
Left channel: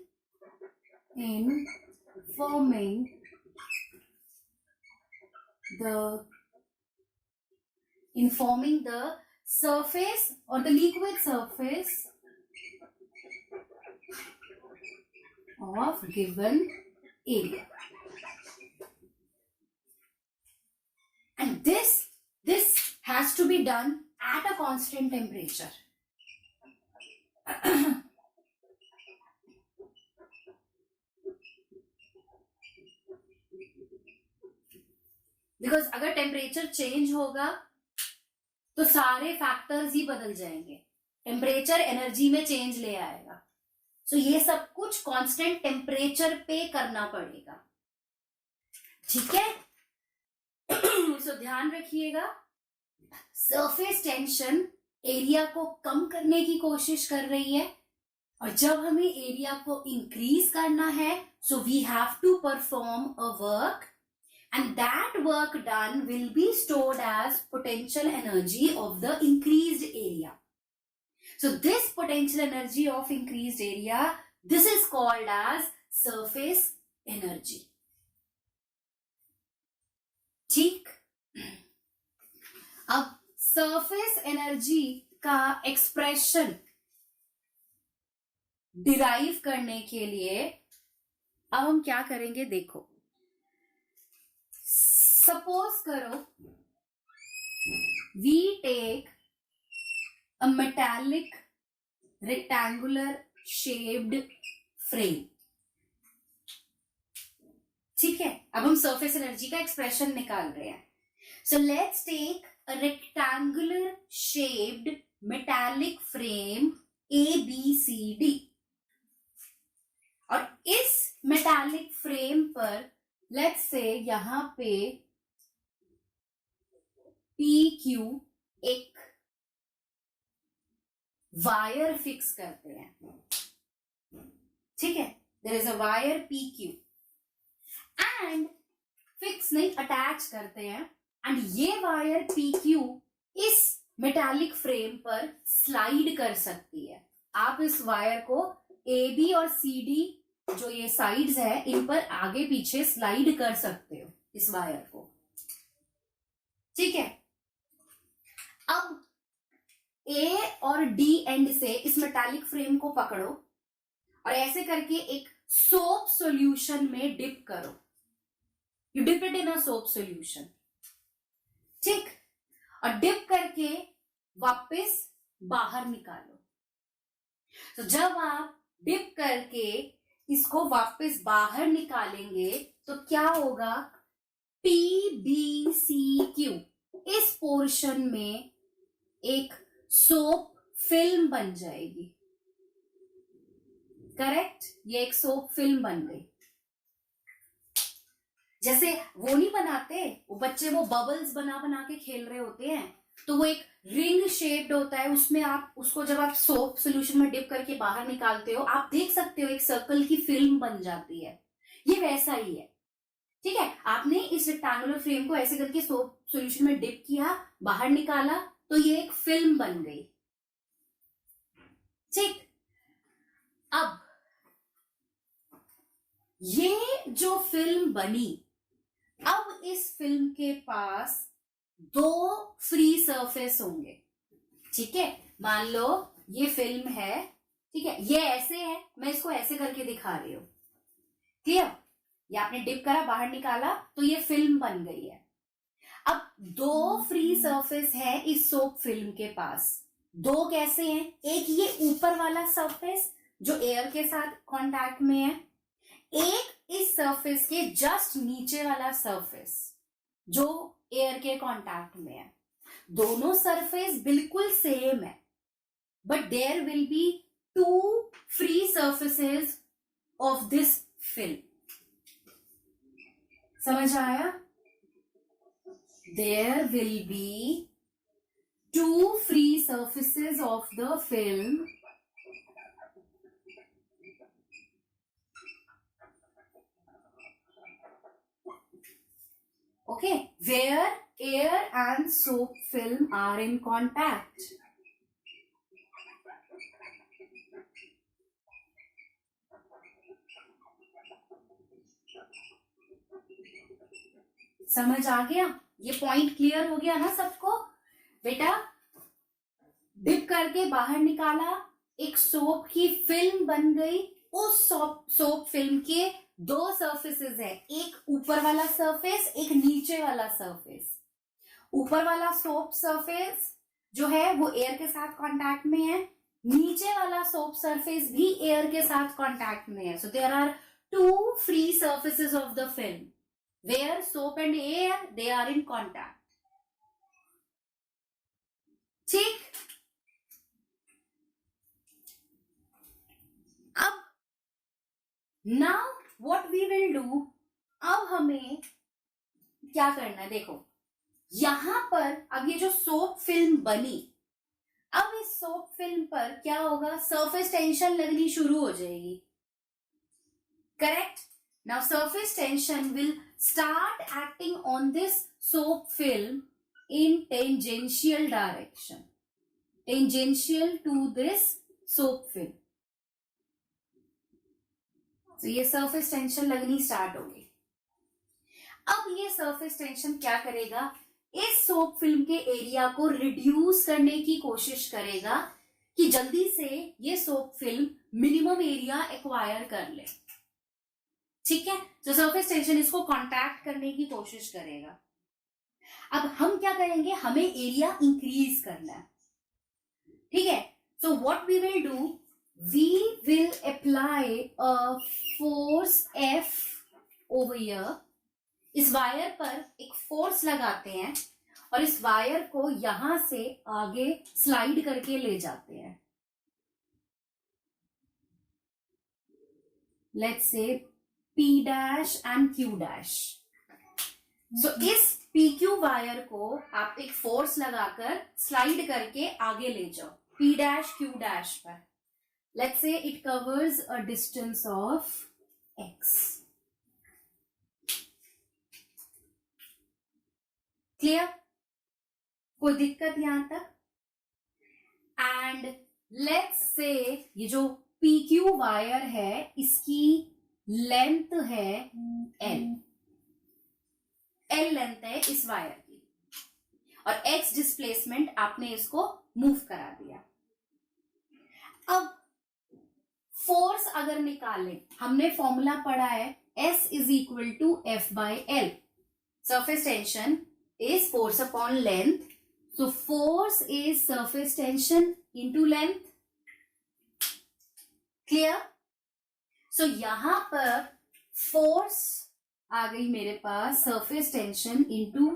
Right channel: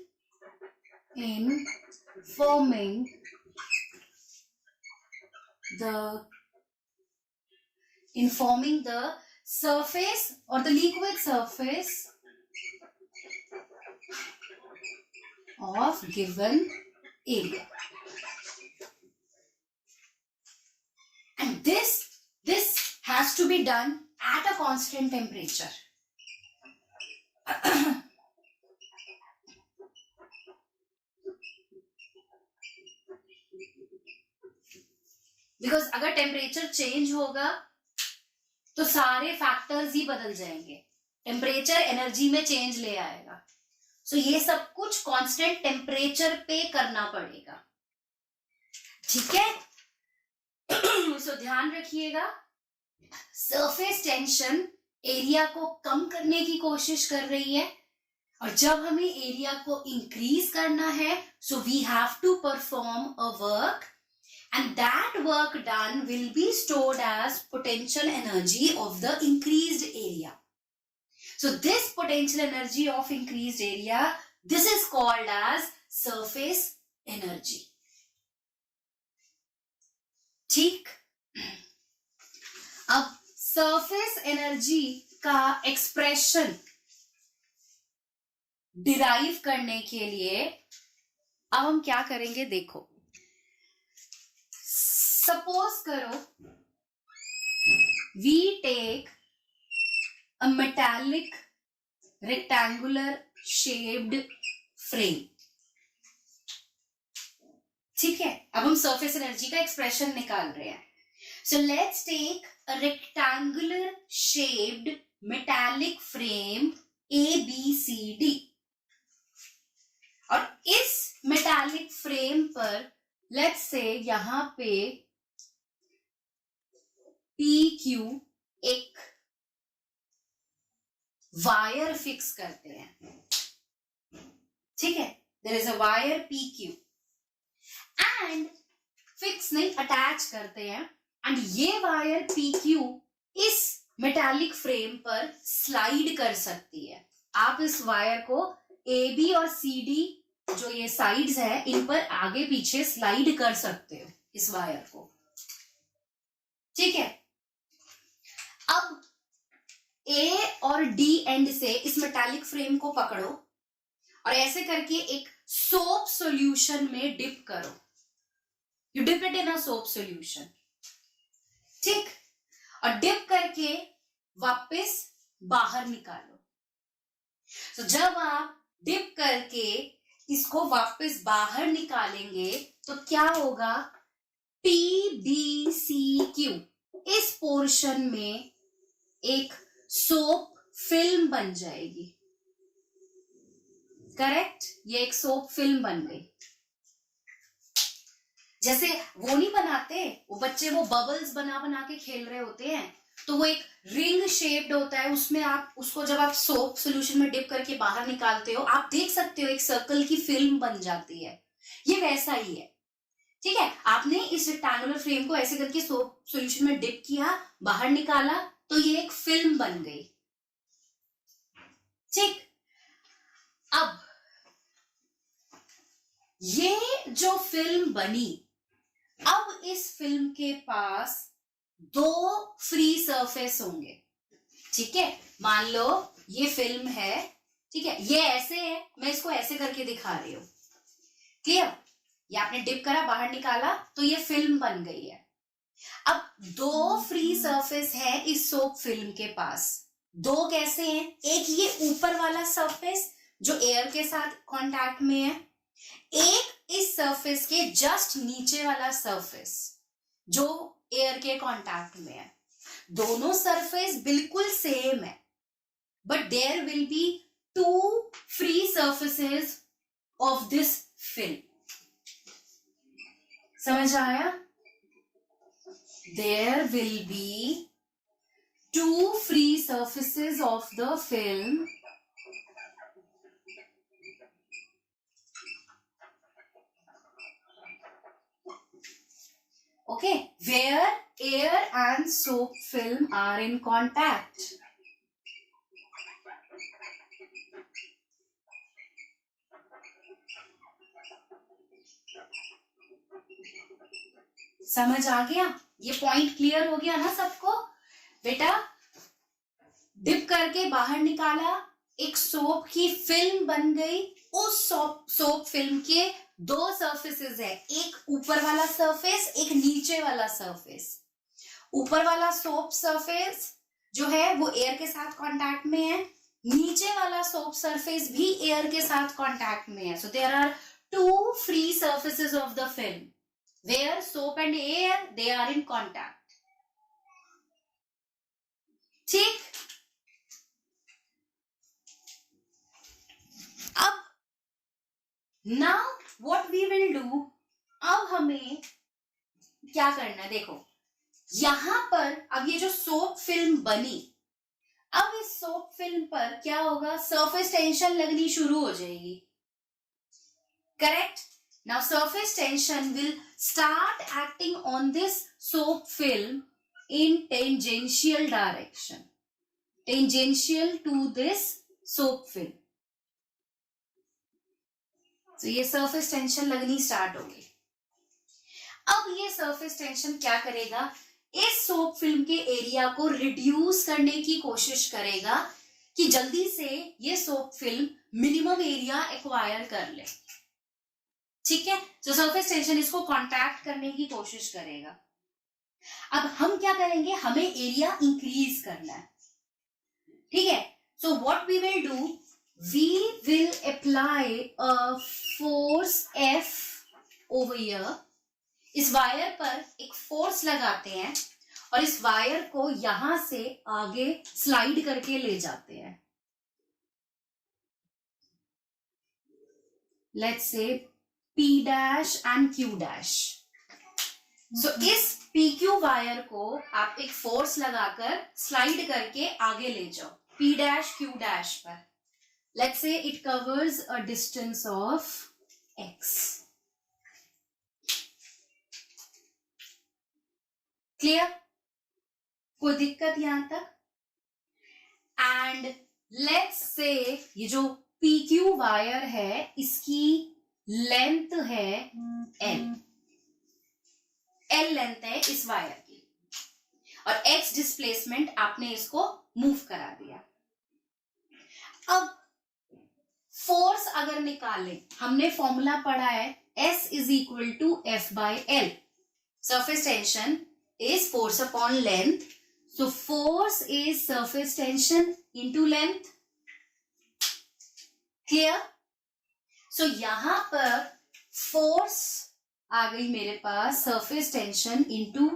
the surface or the liquid surface of given area. And this has to be done at a constant temperature. Because अगर temperature change होगा तो सारे factors ही बदल जाएंगे, temperature energy में change ले आएगा। सो ये सब कुछ कांस्टेंट टेम्परेचर पे करना पड़ेगा, ठीक है। सो ध्यान रखिएगा, सरफेस टेंशन एरिया को कम करने की कोशिश कर रही है, और जब हमें एरिया को इंक्रीज करना है, so we have to perform a work, and that work done will be stored as potential energy of the increased area. So this potential energy of increased area, this is called as surface energy. ठीक, अब surface energy का expression derive करने के लिए अब हम क्या करेंगे, देखो सपोज करो we take a metallic rectangular shaped frame, ठीक है। अब हम सरफेस एनर्जी का एक्सप्रेशन निकाल रहे हैं। So let's take a rectangular shaped metallic frame ABCD, और इस मेटालिक फ्रेम पर लेट्स से यहां पे PQ एक वायर फिक्स करते हैं, ठीक है। There is a wire PQ and fix नहीं, अटैच करते हैं, एंड ये वायर PQ इस मेटालिक फ्रेम पर स्लाइड कर सकती है। आप इस वायर को AB और CD जो ये साइड्स है इन पर आगे पीछे स्लाइड कर सकते हो इस वायर को, ठीक है। अब A और D एंड से इस मेटालिक फ्रेम को पकड़ो और ऐसे करके एक सोप सॉल्यूशन में डिप करो, you dip it in a soap solution, ठीक। और डिप करके वापस बाहर निकालो। तो जब आप डिप करके इसको वापस बाहर निकालेंगे तो क्या होगा, PBCQ इस पोर्शन में एक सोप फिल्म बन जाएगी, करेक्ट। ये एक सोप फिल्म बन गई। जैसे वो नहीं बनाते वो बच्चे, वो बबल्स बना बना के खेल रहे होते हैं, तो वो एक रिंग शेप्ड होता है, उसमें आप उसको जब आप सोप सोल्यूशन में डिप करके बाहर निकालते हो, आप देख सकते हो एक सर्कल की फिल्म बन जाती है। ये वैसा ही है, ठीक है। आपने इस रेक्टेंगुलर फ्रेम को ऐसे करके सोप सोल्यूशन में डिप किया, बाहर निकाला, तो ये एक फिल्म बन गई, ठीक। अब ये जो फिल्म बनी, अब इस फिल्म के पास दो फ्री सरफेस होंगे, ठीक है। मान लो ये फिल्म है, ठीक है, ये ऐसे है, मैं इसको ऐसे करके दिखा रही हूं, क्लियर। ये आपने डिप करा, बाहर निकाला, तो ये फिल्म बन गई है। अब दो फ्री सरफेस है इस सोप फिल्म के पास। दो कैसे हैं, एक ये ऊपर वाला सरफेस जो एयर के साथ कांटेक्ट में है, एक इस सरफेस के जस्ट नीचे वाला सरफेस जो एयर के कांटेक्ट में है। दोनों सरफेस बिल्कुल सेम है, but there will be two free surfaces of this film. समझ आया? There will be two free surfaces of the film okay, where air and soap film are in contact. समझ आ गया? ये पॉइंट क्लियर हो गया ना सबको? बेटा डिप करके बाहर निकाला, एक सोप की फिल्म बन गई, उस सोप फिल्म के दो सरफेसेस है, एक ऊपर वाला सरफेस, एक नीचे वाला सरफेस। ऊपर वाला सोप सरफेस जो है वो एयर के साथ कांटेक्ट में है, नीचे वाला सोप सरफेस भी एयर के साथ कांटेक्ट में है। So there are two free surfaces of the film. where soap and air, they are in contact. ठीक, अब now what we will do, अब हमें क्या करना है, देखो यहां पर अब ये जो सोप फिल्म बनी, अब इस सोप फिल्म पर क्या होगा, सरफेस टेंशन लगनी शुरू हो जाएगी, correct. Now surface tension will start acting on this soap film in tangential direction, tangential to this soap film. तो ये सरफेस टेंशन लगनी स्टार्ट होगी. अब ये सरफेस टेंशन क्या करेगा, इस सोप फिल्म के एरिया को रिड्यूस करने की कोशिश करेगा कि जल्दी से ये soap film minimum area acquire कर ले. ठीक है, तो सरफेस टेंशन इसको कॉन्टैक्ट करने की कोशिश करेगा. अब हम क्या करेंगे, हमें एरिया इंक्रीज करना है. ठीक है, so what we will do, we will apply a force F over here. इस वायर पर एक फोर्स लगाते हैं और इस वायर को यहां से आगे स्लाइड करके ले जाते हैं. Let's say P dash and Q dash. So इस PQ वायर को आप एक फोर्स लगाकर स्लाइड करके आगे ले जाओ P डैश Q डैश पर. Let's say it covers a distance of X. Clear, कोई दिक्कत यहां तक. एंड लेट्स से ये जो PQ वायर है इसकी लेंथ है L लेंथ है इस वायर की, और X डिस्प्लेसमेंट आपने इसको मूव करा दिया. अब फोर्स अगर निकालें, हमने फॉर्मूला पढ़ा है S is equal to F by L. Surface tension is force upon length, so force is surface tension into length. Clear? So यहां पर force आ गई मेरे पास surface tension into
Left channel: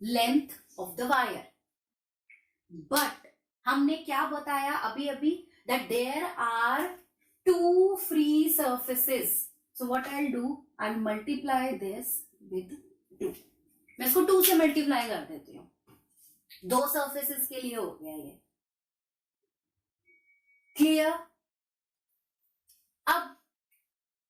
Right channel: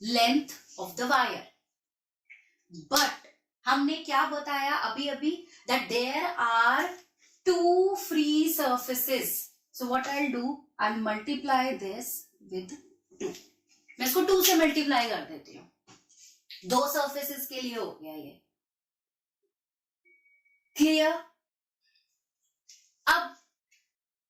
length of the wire. But हमने क्या बताया अभी अभी, that there are two free surfaces. So what I'll do, I'll multiply this with 2. मैं इसको 2 से मल्टीप्लाई कर देती हूँ. 2 सरफेसेस के लिए हो गया ये. क्लियर. अब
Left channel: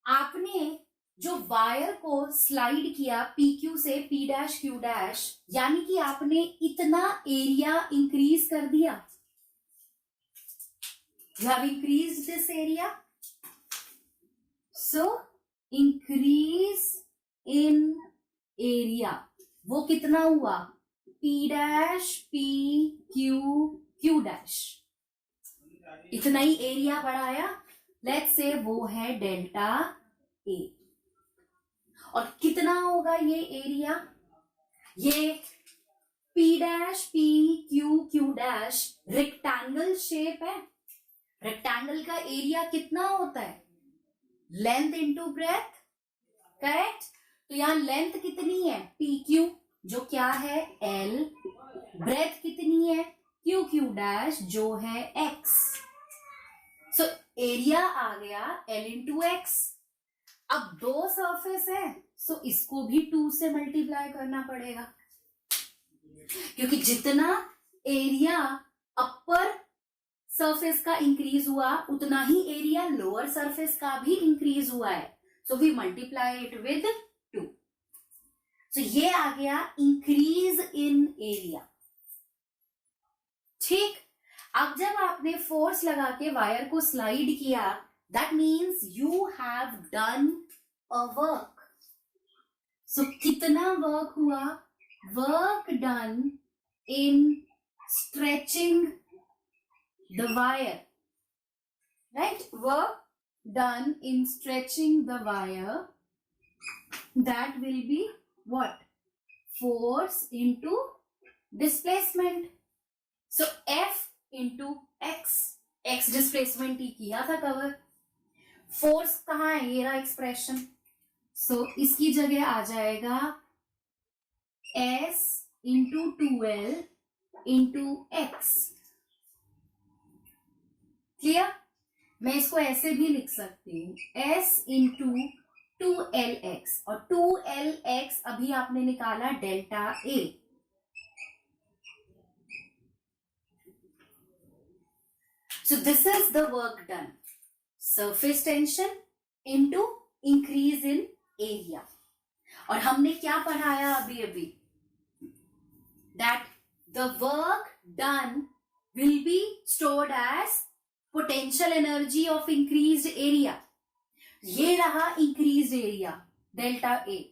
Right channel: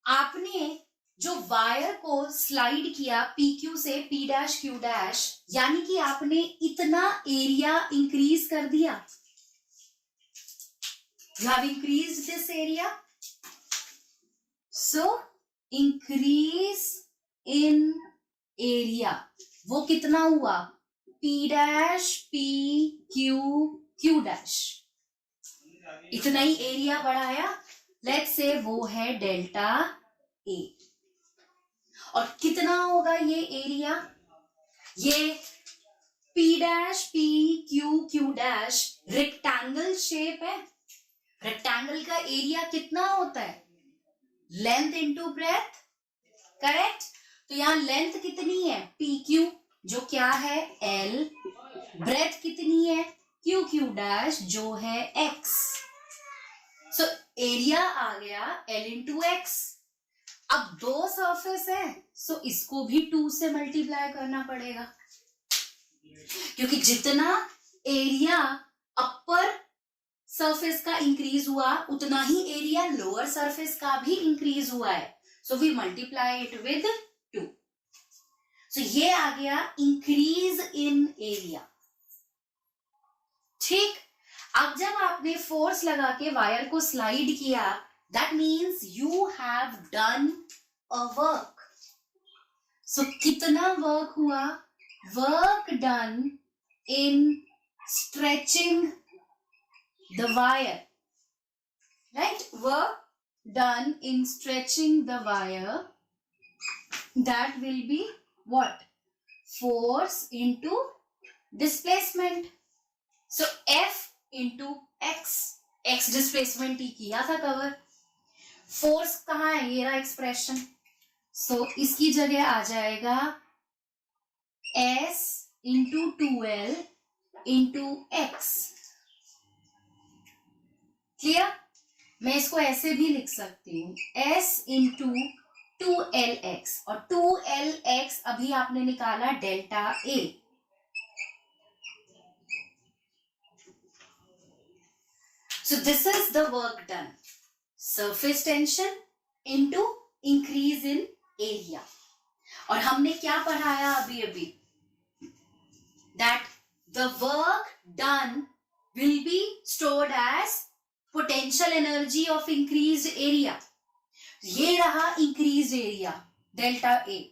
आपने जो वायर को स्लाइड किया PQ से P डैश Q डैश, यानी कि आपने इतना एरिया इंक्रीज कर दिया. You have increased this area. So increase in area, वो कितना हुआ, P dash P Q dash. इतना ही एरिया बढ़ाया. लेट्स से वो है डेल्टा A. और कितना होगा ये एरिया, ये P dash P Q dash rectangle shape है. रेक्टेंगल का एरिया कितना होता है, लेंथ इंटू ब्रेथ, करेक्ट. तो यहां लेंथ कितनी है PQ, जो क्या है L. ब्रेथ कितनी है QQ डैश, जो है X. सो एरिया आ गया L इंटू X. अब 2 सरफेस है, सो इसको भी 2 से मल्टीप्लाई करना पड़ेगा, क्योंकि जितना एरिया अपर सरफेस का इंक्रीज हुआ उतना ही एरिया लोअर सरफेस का भी इंक्रीज हुआ है. So we multiply it with 2. So ये आ गया इंक्रीज इन एरिया. ठीक. अब जब आपने फोर्स लगा के वायर को स्लाइड किया, that means you have done a work. So कितना वर्क हुआ, work done in stretching the wire, right? Work done in stretching the wire, that will be what, force into displacement. So F into X, X displacement ही किया था cover. Force कहाँ है, ये रहा expression. सो इसकी जगह आ जाएगा S into 2L into x. Clear? मैं इसको ऐसे भी लिख सकती हूँ, S इंटू 2LX, और 2LX अभी आपने निकाला delta A। So this is the work done. Surface tension into increase in area. और हमने क्या पढ़ाया अभी अभी? That the work done will be stored as potential energy of increased area. ये रहा increased area, delta A.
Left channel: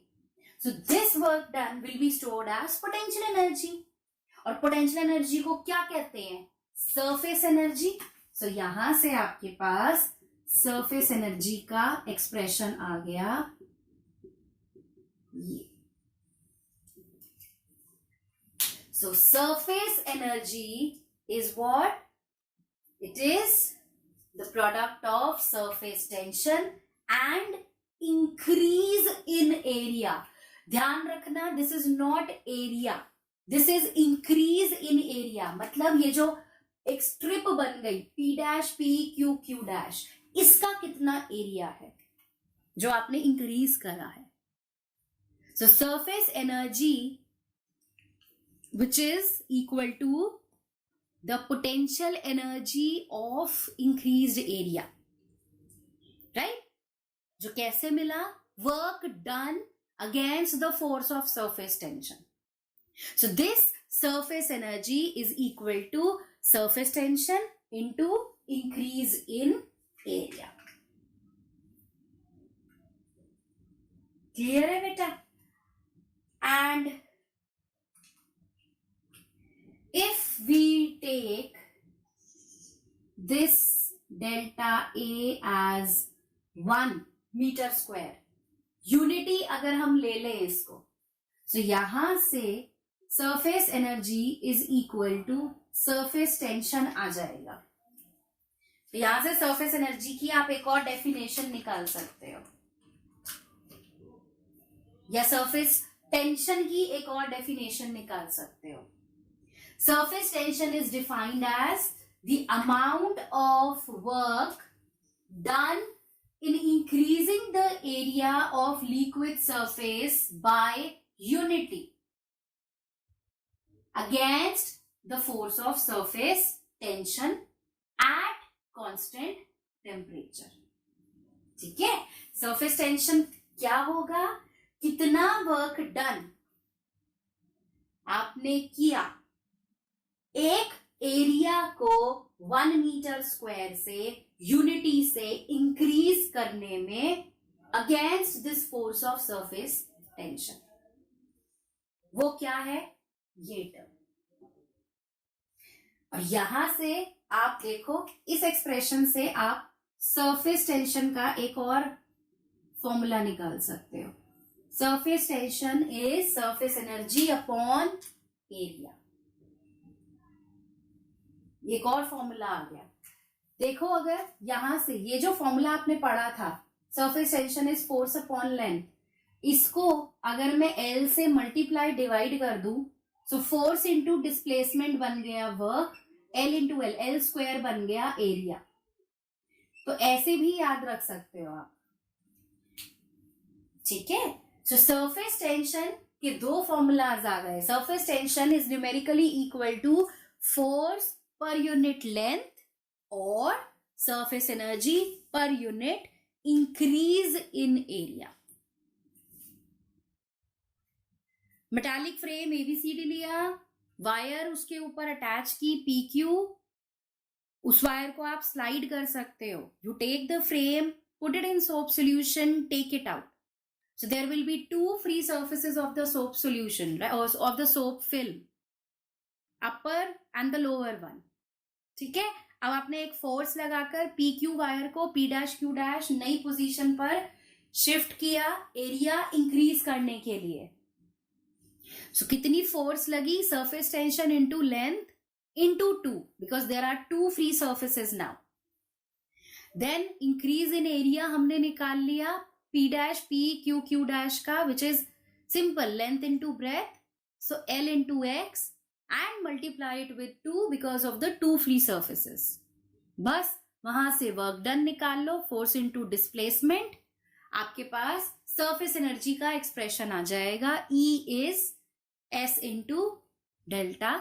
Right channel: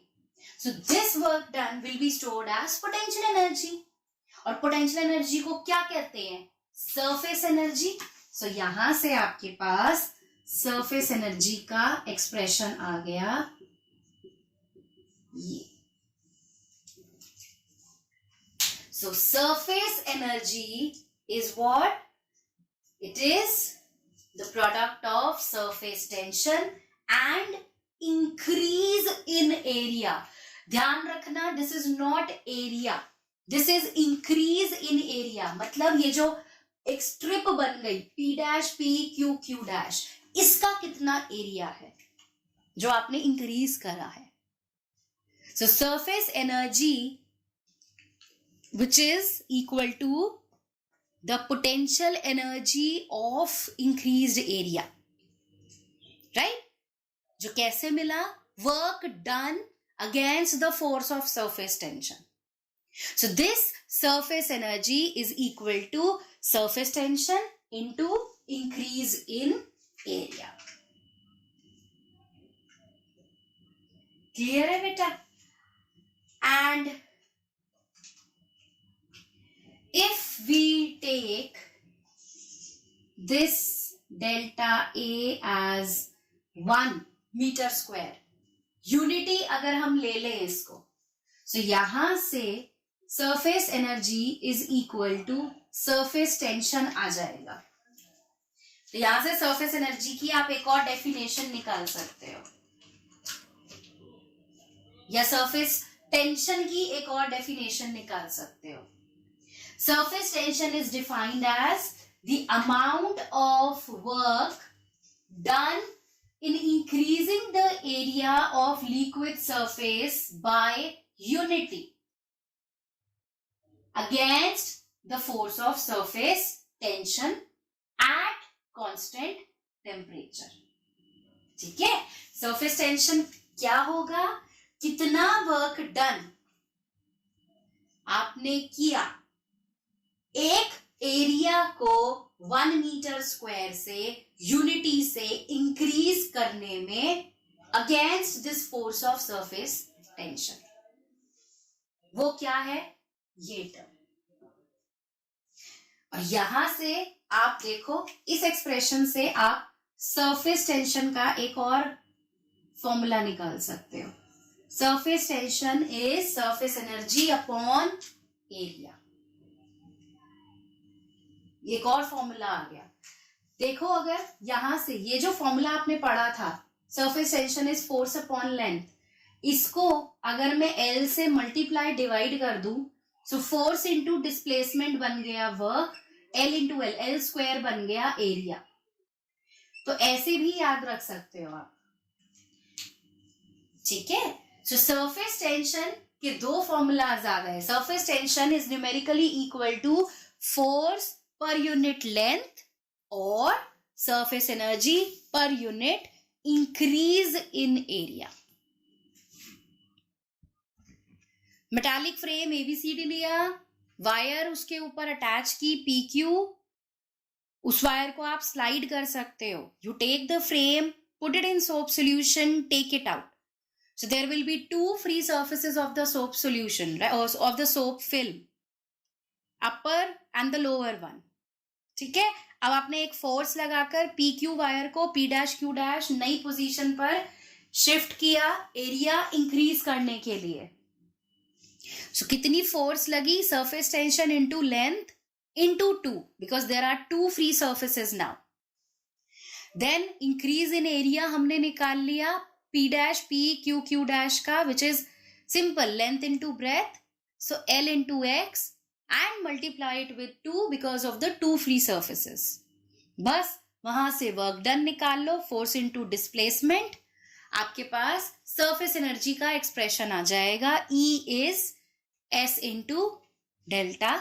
So this work done will be stored as potential energy. और potential energy को क्या कहते हैं? Surface energy. So यहां से आपके पास surface energy का expression आ गया ये। So surface energy is what? It is the product of surface tension and increase in area. ध्यान रखना, this is not area, this is increase in area. मतलब ये जो एक स्ट्रिप बन गई P dash P Q Q dash, इसका कितना एरिया है जो आपने इंक्रीज करा है? So surface energy which is equal to the potential energy of increased area, right? जो कैसे मिला? Work done against the force of surface tension. So this surface energy is equal to surface tension into increase in area. Clear है बेटा? And if we take this delta A as 1 meter square, unity अगर हम ले लें इसको, so यहां से surface energy is equal to surface tension आ जाएगा। तो यहां से सरफेस एनर्जी की आप एक और डेफिनेशन निकाल सकते हो, या सरफेस टेंशन की एक और डेफिनेशन निकाल सकते हो। Surface tension is defined as the amount of work done in increasing the area of liquid surface by unity against the force of surface tension at constant temperature. ठीक है? surface tension क्या होगा? कितना work done आपने किया एक area को 1 metre square से यूनिटी से इंक्रीज करने में against this force of surface tension, वो क्या है? ये टर्म। और यहां से आप देखो, इस एक्सप्रेशन से आप सरफेस टेंशन का एक और फॉर्मूला निकाल सकते हो। Surface tension is surface energy upon area. एक और फॉर्मूला आ गया। देखो, अगर यहां से ये जो फॉर्मूला आपने पढ़ा था, surface tension is force upon length, इसको अगर मैं L से मल्टीप्लाई डिवाइड कर दूं, सो फोर्स इंटू डिस्प्लेसमेंट बन गया work, L into L, L square बन गया एरिया। तो ऐसे भी याद रख सकते हो आप। ठीक है? सो सरफेस टेंशन के दो फॉर्मूलाज आ गए। Surface tension is numerically equal to force per unit length or surface energy per unit increase in area. Metallic frame ABCD लिया, वायर उसके ऊपर अटैच की PQ, उस वायर को आप स्लाइड कर सकते हो। You take the frame, put it in soap solution, take it out. So there will be two free surfaces of the soap solution, right, or of the soap film, upper and the lower one. ठीक है? अब आपने एक force लगाकर PQ wire को P dash Q dash नई position पर shift किया एरिया इंक्रीज करने के लिए। सो कितनी फोर्स लगी? Surface tension into length into 2, because there are 2 free surfaces now. Then increase in area हमने निकाल लिया P dash P Q Q dash का which is simple length into breadth, so L into X and multiply it with 2 because of the two free surfaces. बस वहां से work done निकाल लो, force into displacement, आपके पास surface energy का expression आ जाएगा, E is S into delta